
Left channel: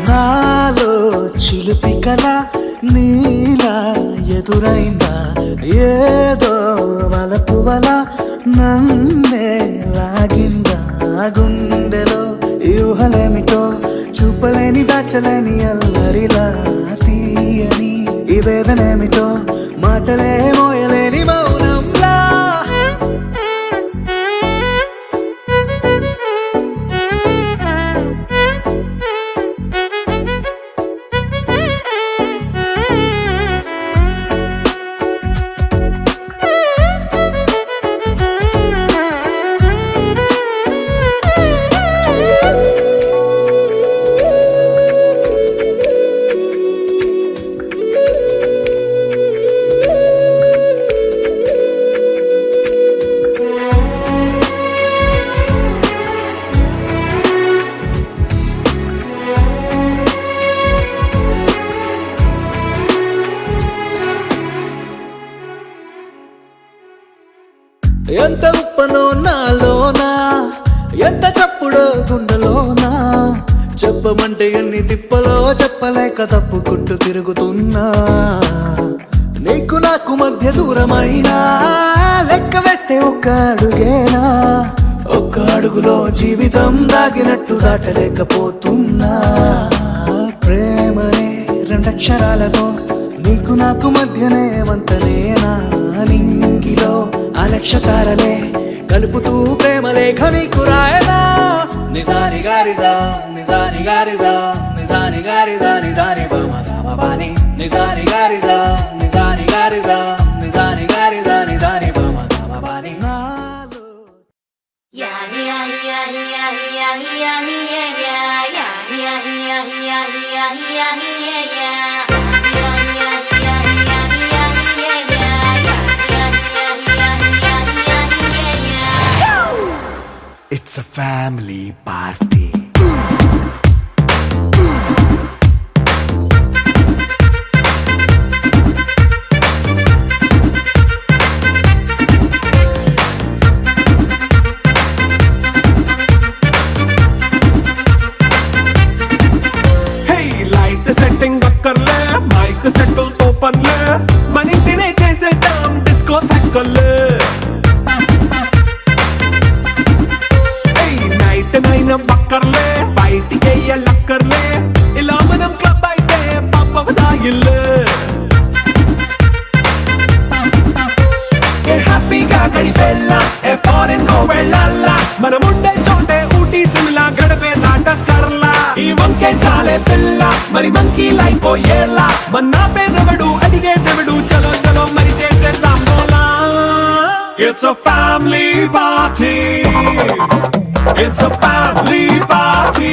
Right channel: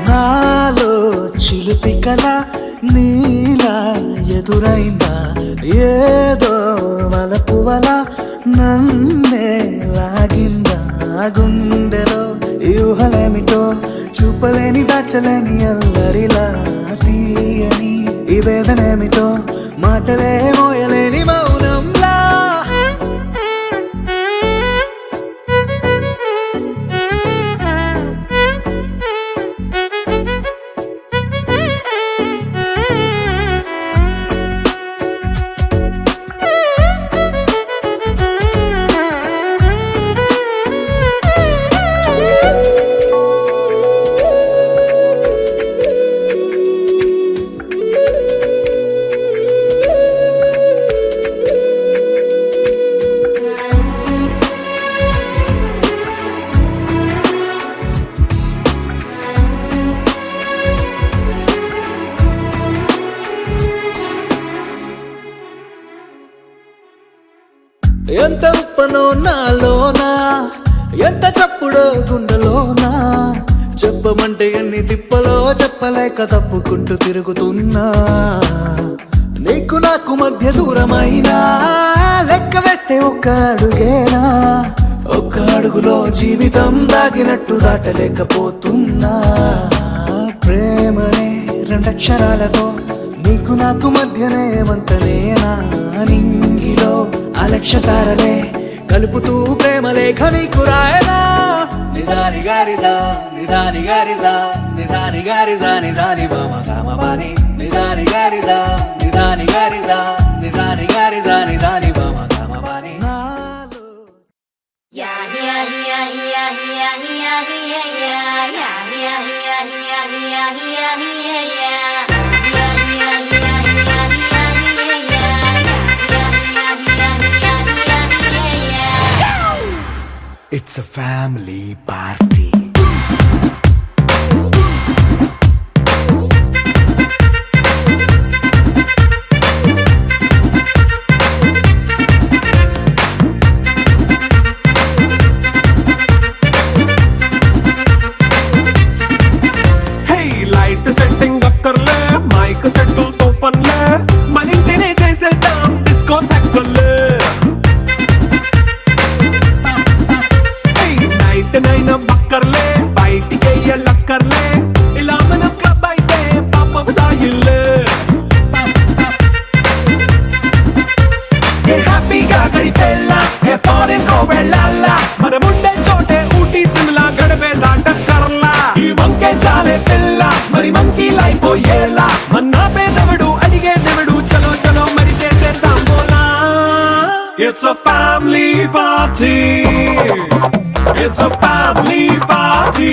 నాలో చిలిపి కల నీలా ఎదురైందా ఏదో వలపు వల నన్నే లాగిందా గుండెలో యూహలేమిటో చూపలేని దాచలేని అల్లరిలా తీయని ఈ వేదనేమిటో మాటలే మోయలేని మౌనంలా ఎంత ఉప్పనో నాలోనా ఎంత చప్పుడో గుండెలోనా చెప్పమంటే ఎన్ని తిప్పలో చెప్పలేక తప్పుకుంటూ తిరుగుతున్నా నీకు నాకు మధ్య దూరమైనా లెక్క వేస్తే ఒక్క అడుగేనా ఒక్క అడుగులో జీవితం దాగినట్టు దాటలేకపోతున్నా ప్రేమనే రెండక్షరాలతో నీకు నాకు మధ్యనే వంతనేనా నింగిలో అలక్ష తారలే కలుపుతూ ప్రేమ లేఖ నీకు రాయనా నిజాని గారిజా నిజాని గారిజా నిజాని గారిజా నిజాని బామ పాని నిజాని గారిదా నిజాని గారిదా నిజాని గారిదా నిజాని మామ గమ పాని నాలో It's a family party. Hey, light setting అక్కర్లే మైక్ సెట్టిల్ తో పనిలే మన ఇంటినే చేసేద్దాం డిస్కో థక్కర్లే నైట్ నైన్ బక్కర్లే బయటికి లక్కర్లే ఇలా మనం క్లబ్ అయితే పాపదాయిల్లే హ్యాపీగా గడిపెళ్ళ ఏ ఫారెన్ వెళ్ళాలా మనం ఉండే చోటే ఊటీ సిమ్లా గడిపే దాటక్కర్లా ఈ వంకే చాలే పిల్ల మరి మంకీ లైఫ్ ఏళ్ళ మన్నా పేదవడు అడిగేదెవడు చలో చలో మరి చేసేద్దాం బోలా It's a family party. It's a family party.